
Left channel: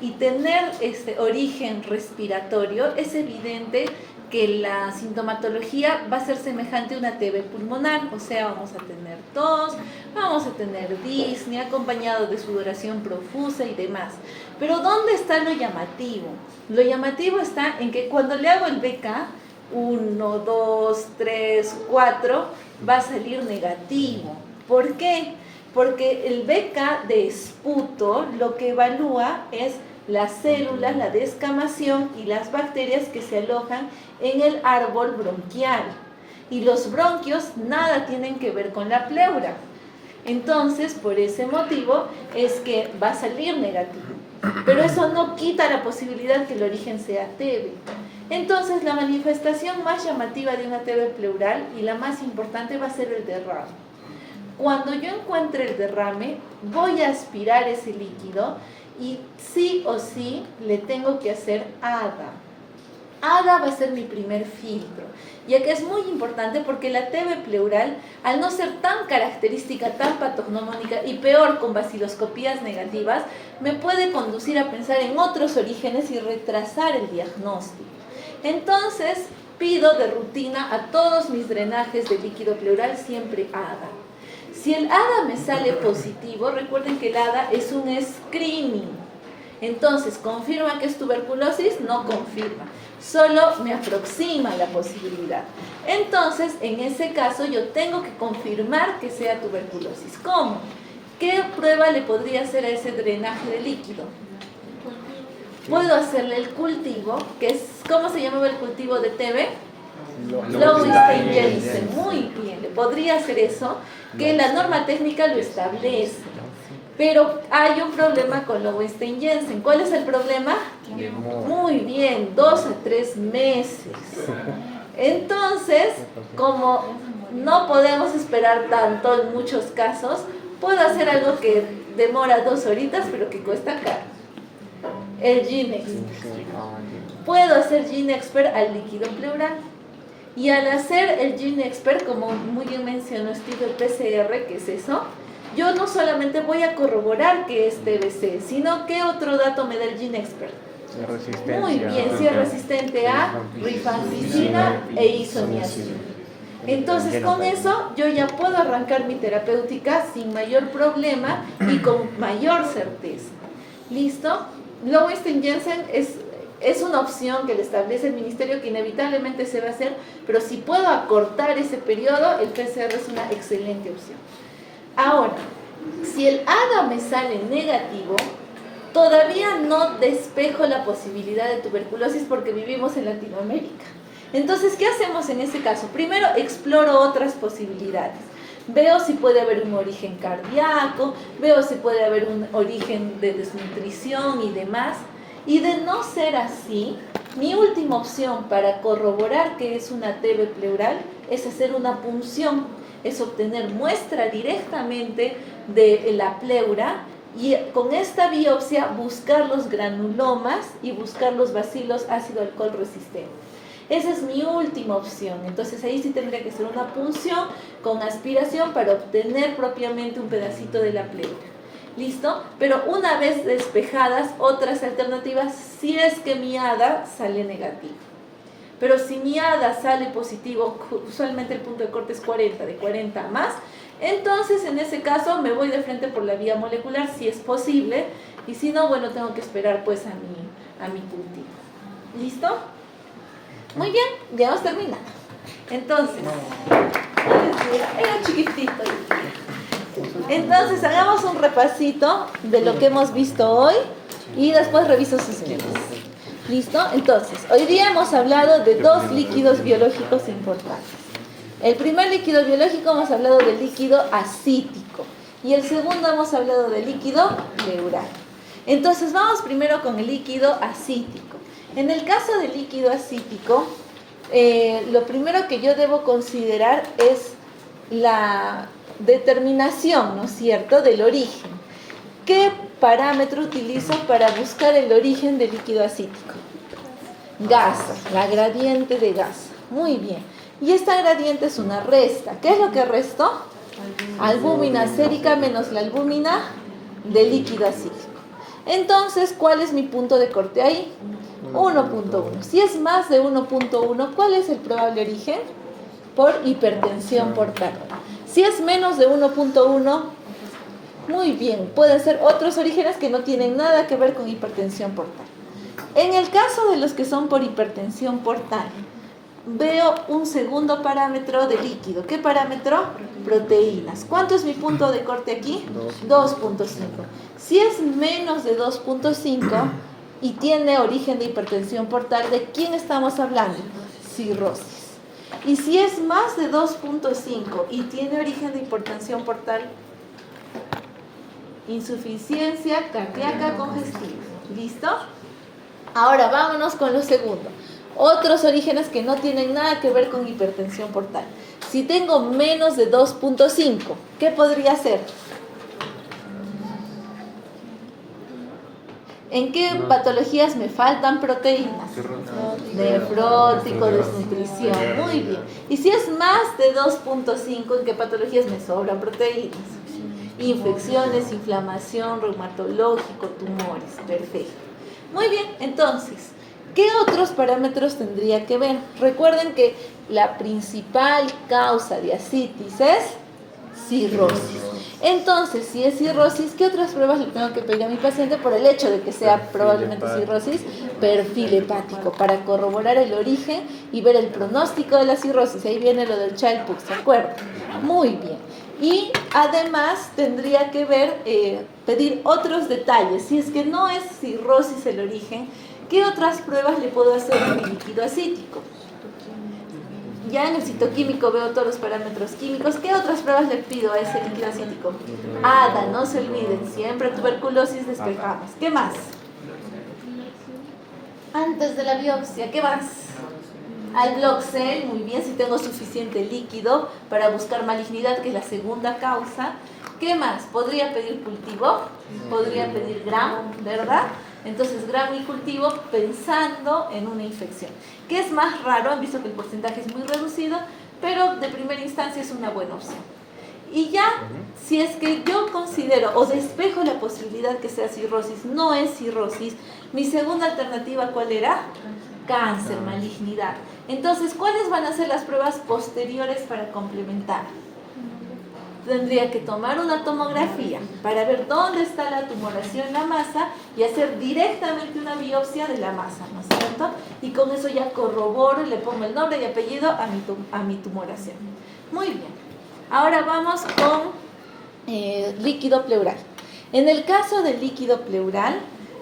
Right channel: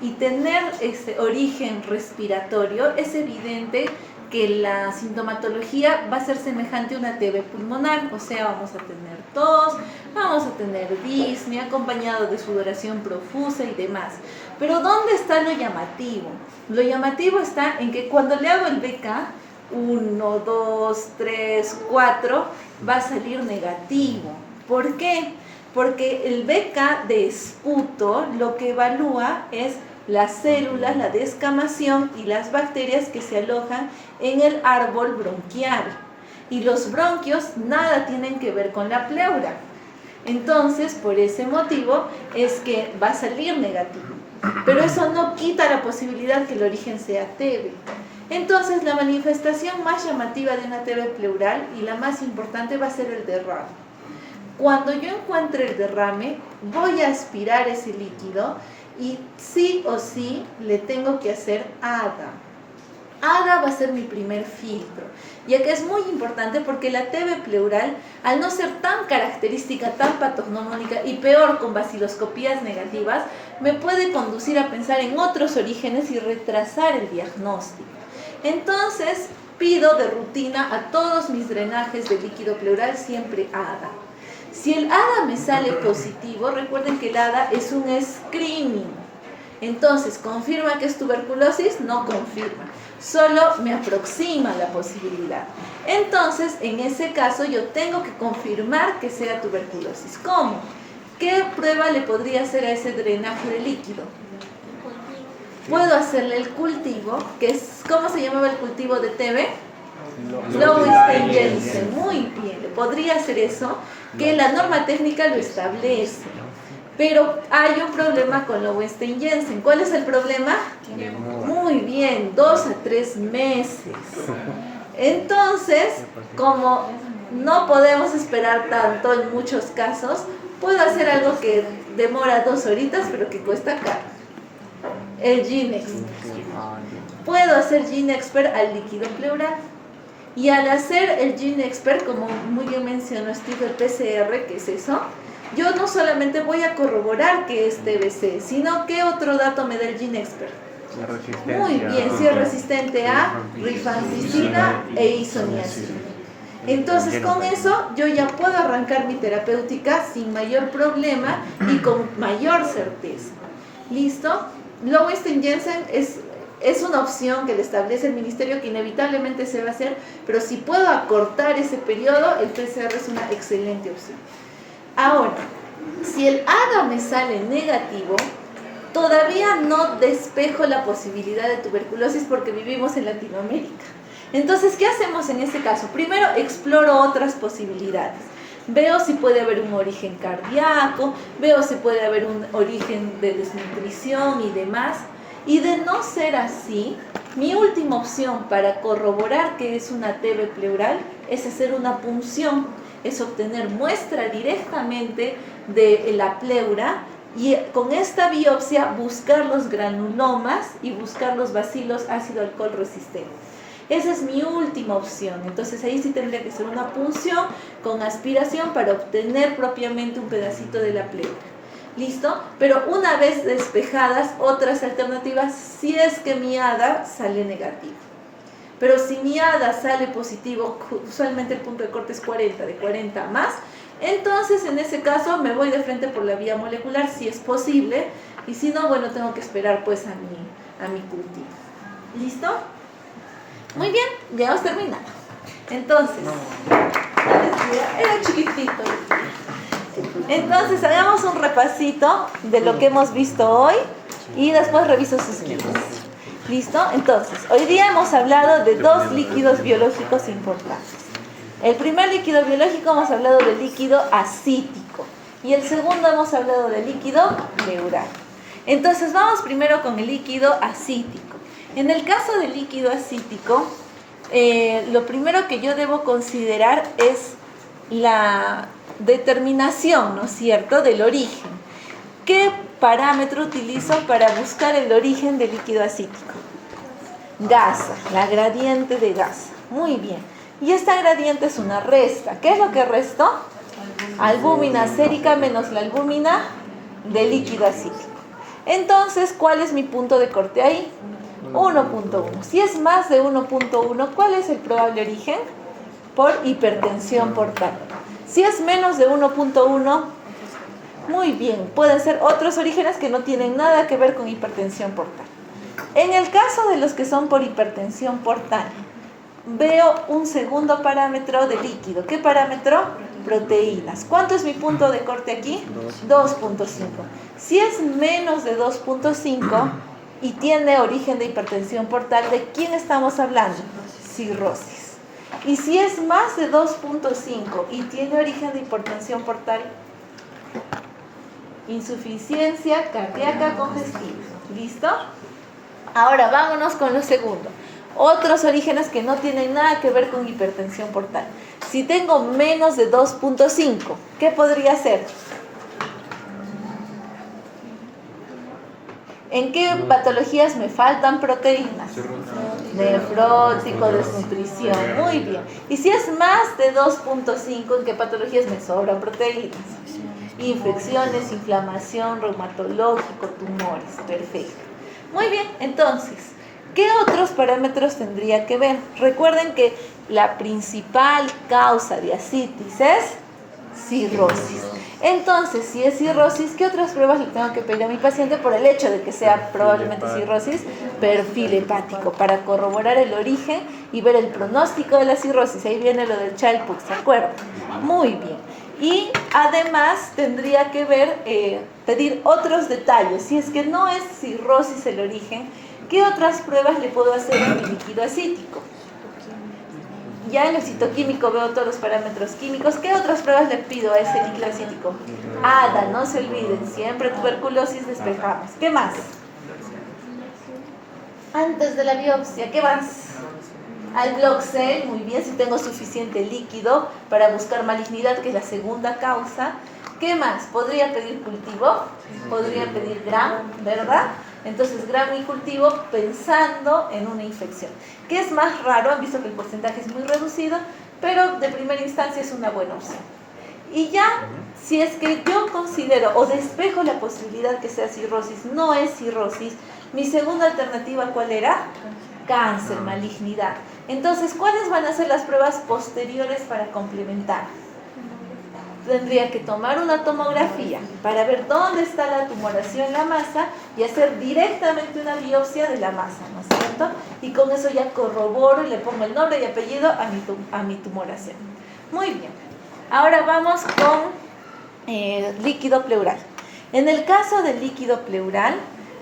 y tener este origen respiratorio, es evidente que la sintomatología va a ser semejante a una TB pulmonar, o sea, vamos a tener tos, vamos a tener disnea, acompañado de sudoración profusa y demás. Pero ¿dónde está lo llamativo? Lo llamativo está en que cuando le hago el BK, 1, 2, 3, 4, va a salir negativo. ¿Por qué? Porque el BK de esputo lo que evalúa es las células, la descamación y las bacterias que se alojan en el árbol bronquial. Y los bronquios nada tienen que ver con la pleura. Entonces, por ese motivo es que va a salir negativo. Pero eso no quita la posibilidad que el origen sea TB. Entonces, la manifestación más llamativa de una TB pleural y la más importante va a ser el derrame. Cuando yo encuentre el derrame, voy a aspirar ese líquido y sí o sí le tengo que hacer ADA. ADA va a ser mi primer filtro, ya que es muy importante porque la TB pleural, al no ser tan característica, tan patognomónica y peor con vaciloscopías negativas, me puede conducir a pensar en otros orígenes y retrasar el diagnóstico. Entonces, pido de rutina a todos mis drenajes de líquido pleural siempre ADA. Si el ADA me sale positivo, recuerden que el ADA es un screening. Entonces, ¿confirma que es tuberculosis? No confirma, solo me aproxima la posibilidad. Entonces, en ese caso, yo tengo que confirmar que sea tuberculosis. ¿Cómo? ¿Qué prueba le podría hacer a ese drenaje de líquido? Puedo hacerle el cultivo, que es, ¿cómo se llamaba el cultivo de TB? Lowenstein-Jensen. Muy bien, le podría hacer eso, que la norma técnica lo establece. Pero hay un problema con Lowenstein-Jensen. ¿Cuál es el problema? Muy bien, 2 a 3 meses. Entonces, como no podemos esperar tanto en muchos casos, puedo hacer algo que demora 2 horitas, pero que cuesta caro. El GeneXpert. Puedo hacer GeneXpert al líquido pleural. Y al hacer el GeneXpert, como muy bien mencionó Steve, el PCR, que es eso, yo no solamente voy a corroborar que es TBC, sino ¿qué otro dato me da el GeneXpert? La resistencia. Muy bien, si es resistente a rifampicina e isoniazida. Entonces con eso yo ya puedo arrancar mi terapéutica sin mayor problema y con mayor certeza. ¿Listo? Lowenstein-Jensen es una opción que le establece el ministerio que inevitablemente se va a hacer, pero si puedo acortar ese periodo, el PCR es una excelente opción. Ahora, si el AGA me sale negativo, todavía no despejo la posibilidad de tuberculosis porque vivimos en Latinoamérica. Entonces, ¿qué hacemos en ese caso? Primero, exploro otras posibilidades. Veo si puede haber un origen cardíaco, veo si puede haber un origen de desnutrición y demás. Y de no ser así, mi última opción para corroborar que es una TB pleural es hacer una punción, es obtener muestra directamente de la pleura y con esta biopsia buscar los granulomas y buscar los bacilos ácido alcohol resistentes. Esa es mi última opción. Entonces ahí sí tendría que ser una punción con aspiración para obtener propiamente un pedacito de la pleura. ¿Listo? Pero una vez despejadas, otras alternativas, si es que mi ADA sale negativo. Pero si mi ADA sale positivo, usualmente el punto de corte es 40, de 40 más, entonces en ese caso me voy de frente por la vía molecular, si es posible, y si no, bueno, tengo que esperar pues a mi cultivo. ¿Listo? Muy bien, ya hemos terminado. Entonces, era chiquitito. Entonces, hagamos un repasito de lo que hemos visto hoy y después reviso sus guías. ¿Listo? Entonces, hoy día hemos hablado de 2 líquidos biológicos importantes. El primer líquido biológico hemos hablado del líquido acítico y el segundo hemos hablado del líquido pleural. Entonces, vamos primero con el líquido acítico. En el caso del líquido acítico, lo primero que yo debo considerar es la determinación, ¿no es cierto?, del origen. ¿Qué parámetro utilizo para buscar el origen del líquido acítico? Gasa, la gradiente de gasa. Muy bien. Y esta gradiente es una resta. ¿Qué es lo que resto? Albúmina sérica menos la albúmina del líquido acítico. Entonces, ¿cuál es mi punto de corte ahí? 1.1. Si es más de 1.1, ¿cuál es el probable origen? Por hipertensión portal. Si es menos de 1.1, muy bien, pueden ser otros orígenes que no tienen nada que ver con hipertensión portal. En el caso de los que son por hipertensión portal, veo un segundo parámetro de líquido. ¿Qué parámetro? Proteínas. ¿Cuánto es mi punto de corte aquí? 2.5. Si es menos de 2.5 y tiene origen de hipertensión portal, ¿de quién estamos hablando? Cirrosis. Y si es más de 2.5 y tiene origen de hipertensión portal, insuficiencia cardíaca congestiva. ¿Listo? Ahora vámonos con lo segundo. Otros orígenes que no tienen nada que ver con hipertensión portal. Si tengo menos de 2.5, ¿qué podría ser? ¿En qué patologías me faltan proteínas? Nefrótico, desnutrición. Muy bien. Y si es más de 2.5, ¿en qué patologías me sobran proteínas? Infecciones, inflamación, reumatológico, tumores. Perfecto. Muy bien, entonces, ¿qué otros parámetros tendría que ver? Recuerden que la principal causa de ascitis es cirrosis. Entonces, si es cirrosis, ¿qué otras pruebas le tengo que pedir a mi paciente por el hecho de que sea probablemente cirrosis? Perfil hepático, para corroborar el origen y ver el pronóstico de la cirrosis. Ahí viene lo del Child-Pugh, ¿de acuerdo? Muy bien. Y además tendría que ver, pedir otros detalles. Si es que no es cirrosis el origen, ¿qué otras pruebas le puedo hacer en el líquido acítico? Ya en el citoquímico veo todos los parámetros químicos. ¿Qué otras pruebas le pido a ese líquido acítico? ADA, no se olviden, siempre tuberculosis despejamos. ¿Qué más? Antes de la biopsia, ¿qué más? Al Bloxel, muy bien, si tengo suficiente líquido para buscar malignidad, que es la segunda causa. ¿Qué más? ¿Podría pedir cultivo? Podría pedir Gram, ¿verdad? Entonces, Gram y cultivo pensando en una infección. ¿Qué es más raro? Han visto que el porcentaje es muy reducido, pero de primera instancia es una buena opción. Y ya, si es que yo considero o despejo la posibilidad que sea cirrosis, no es cirrosis, mi segunda alternativa, ¿cuál era? Cáncer, malignidad. Entonces, ¿cuáles van a ser las pruebas posteriores para complementar? Tendría que tomar una tomografía para ver dónde está la tumoración en la masa y hacer directamente una biopsia de la masa, ¿no es cierto? Y con eso ya corroboro y le pongo el nombre y apellido a mi tumoración. Muy bien. Ahora vamos con líquido pleural. En el caso del líquido pleural,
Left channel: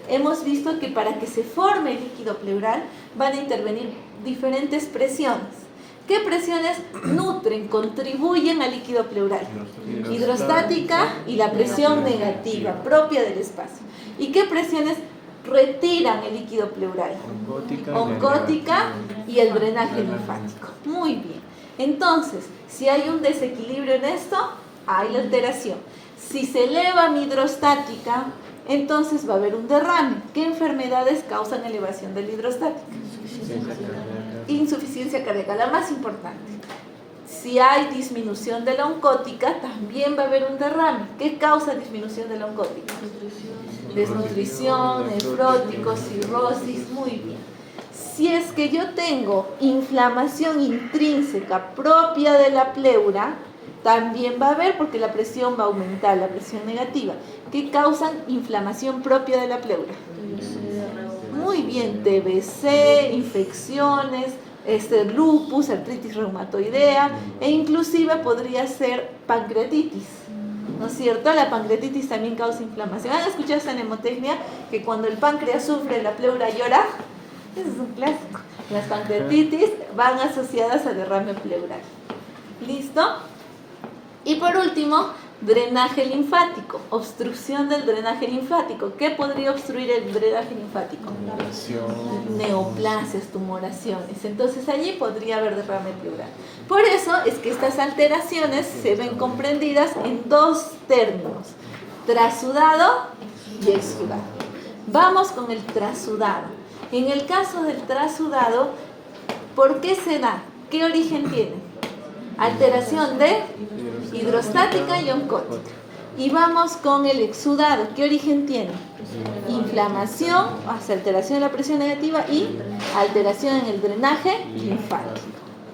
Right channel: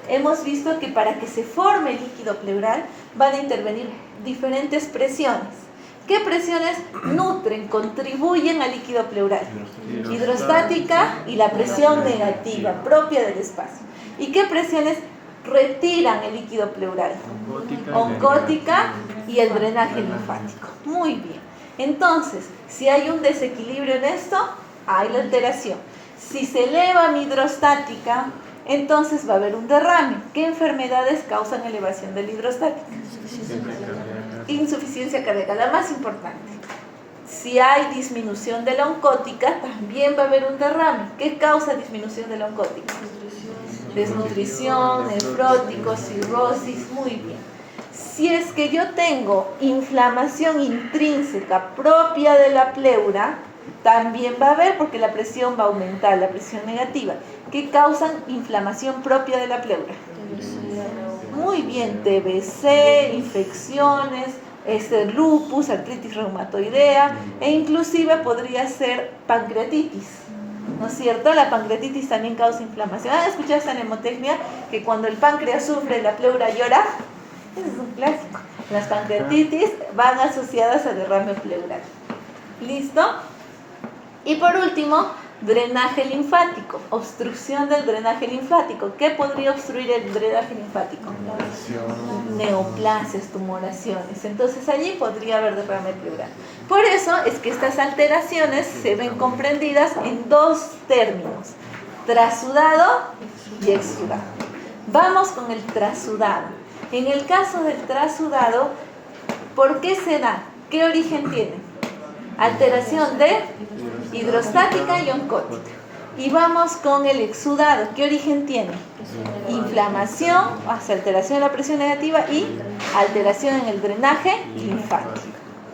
hemos visto que para que se forme el líquido pleural van a intervenir diferentes presiones. ¿Qué presiones nutren, contribuyen al líquido pleural? Hidrostática y la presión negativa propia del espacio. ¿Y qué presiones retiran el líquido pleural? Oncótica y el drenaje linfático. Muy bien. Entonces, si hay un desequilibrio en esto, hay la alteración. Si se eleva mi hidrostática, entonces va a haber un derrame. ¿Qué enfermedades causan elevación de la hidrostática? Insuficiencia cardíaca, la más importante. Si hay disminución de la oncótica, también va a haber un derrame. ¿Qué causa disminución de la oncótica? Desnutrición, nefrótico, cirrosis, muy bien. Si es que yo tengo inflamación intrínseca propia de la pleura, también va a haber, porque la presión va a aumentar, la presión negativa. ¿Qué causan inflamación propia de la pleura? Muy bien, TBC, infecciones, lupus, artritis reumatoidea, e inclusive podría ser pancreatitis, ¿no es cierto? La pancreatitis también causa inflamación. ¿Han escuchado esa mnemotecnia? Que cuando el páncreas sufre, la pleura llora. Ese es un clásico. Las pancreatitis van asociadas a derrame pleural. ¿Listo? Y por último, drenaje linfático, obstrucción del drenaje linfático. ¿Qué podría obstruir el drenaje linfático? Neoplasias, tumoraciones. Entonces allí podría haber derrame pleural. Por eso es que estas alteraciones se ven comprendidas en dos términos: trasudado y exsudado. Vamos con el trasudado. En el caso del trasudado, ¿por qué se da? ¿Qué origen tiene? Alteración de hidrostática y oncótica. Y vamos con el exudado. ¿Qué origen tiene? Inflamación, alteración de la presión negativa y alteración en el drenaje linfático.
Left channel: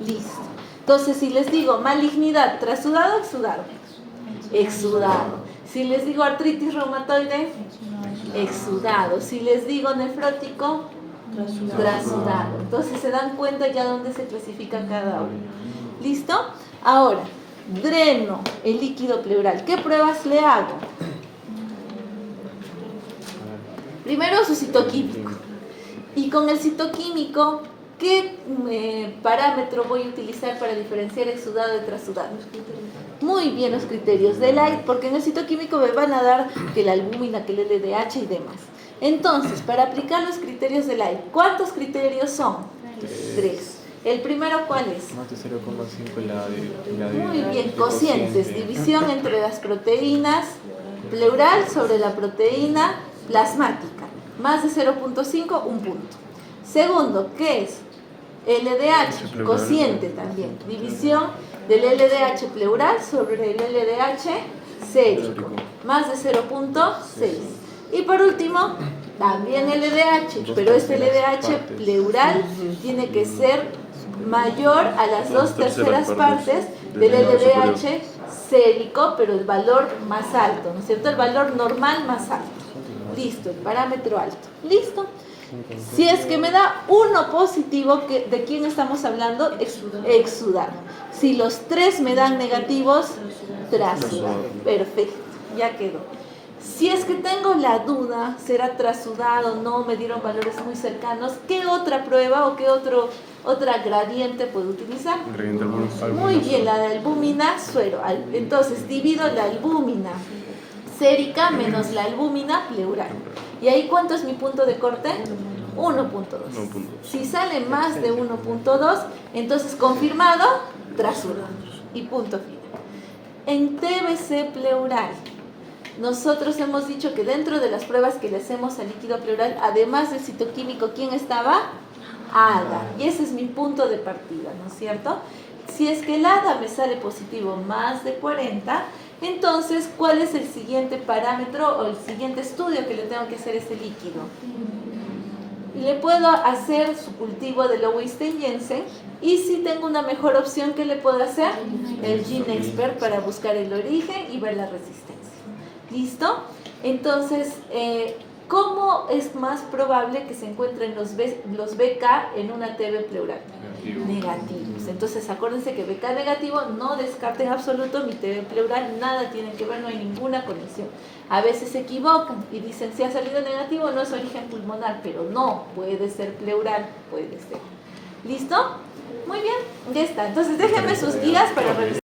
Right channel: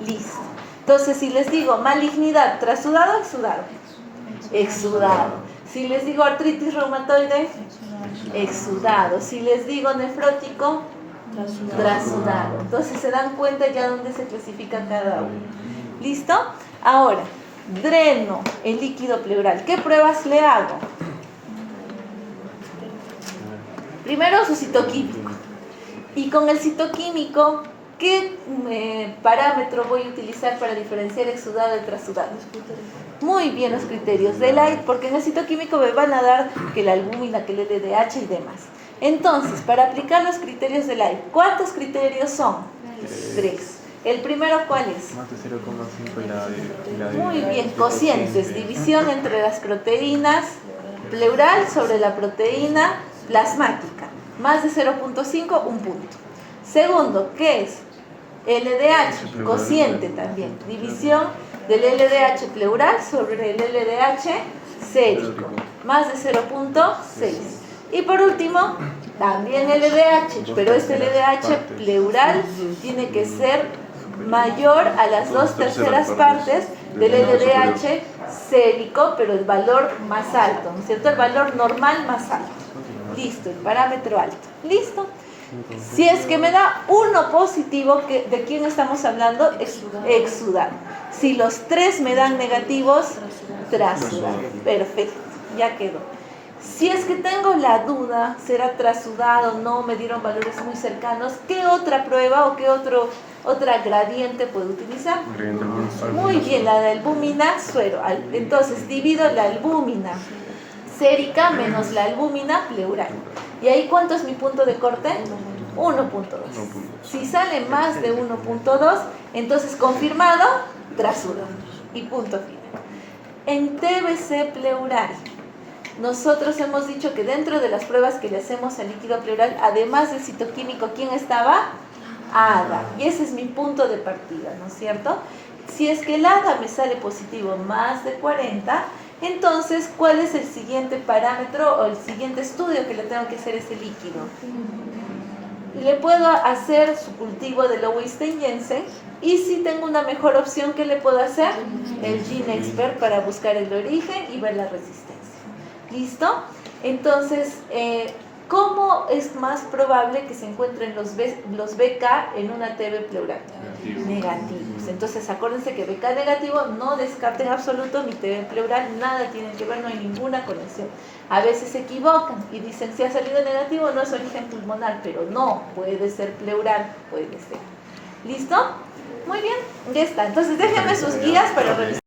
Listo. Entonces, si les digo malignidad, trasudado, exudado. Exudado. Si les digo artritis reumatoide, exudado. Si les digo nefrótico, trasudado. Entonces se dan cuenta ya dónde se clasifica cada uno. ¿Listo? Ahora, dreno el líquido pleural. ¿Qué pruebas le hago? Primero su citoquímico. Y con el citoquímico, ¿qué parámetro voy a utilizar para diferenciar exudado de trasudado? Muy bien, los criterios de Light, porque en el citoquímico me van a dar que la albúmina, que el LDH y demás. Entonces, para aplicar los criterios de Light, ¿cuántos criterios son? 3. ¿El primero cuál es? Más de 0,5 Muy bien, cocientes, división entre las proteínas pleural sobre la proteína plasmática. Más de 0,5, un punto. Segundo, ¿qué es? LDH, cociente también, división del LDH pleural sobre el LDH sérico, más de 0,6. Y por último, también LDH, pero este LDH pleural tiene que ser mayor a las 2/3 partes del LDH sérico, pero el valor más alto, ¿no es cierto? El valor normal más alto. Listo, el parámetro alto. Listo. Si es que me da uno positivo, ¿de quién estamos hablando? Exudado. Si los tres me dan negativos, trasudado. Perfecto, ya quedó. Si es que tengo la duda, será trasudado, no me dieron valores muy cercanos, ¿qué otra prueba o qué otra gradiente puedo utilizar? Muy bien, la de albúmina, suero. Entonces divido la albúmina sérica menos la albúmina pleural. ¿Y ahí cuánto es mi punto de corte? 1.2. Si sale más de 1.2, entonces confirmado, trasudado. Y punto final. En TBC pleural, nosotros hemos dicho que dentro de las pruebas que le hacemos al líquido pleural, además del citoquímico, ¿quién estaba? ADA. Y ese es mi punto de partida, ¿no es cierto? Si es que el ADA me sale positivo más de 40, entonces, ¿cuál es el siguiente parámetro o el siguiente estudio que le tengo que hacer a ese líquido? Le puedo hacer su cultivo de Lowenstein-Jensen, y si tengo una mejor opción, ¿qué le puedo hacer? El GeneXpert para buscar el origen y ver la resistencia. ¿Listo? Entonces, ¿cómo es más probable que se encuentren los BK en una TB pleural? Negativos. Entonces, acuérdense que BK negativo, no descarten en absoluto mi TB pleural, nada tiene que ver, no hay ninguna conexión. A veces se equivocan y dicen, si ha salido negativo, no es origen pulmonar, pero no, puede ser pleural, puede ser. ¿Listo? Muy bien, ya está. Entonces, déjenme sus guías para revisar.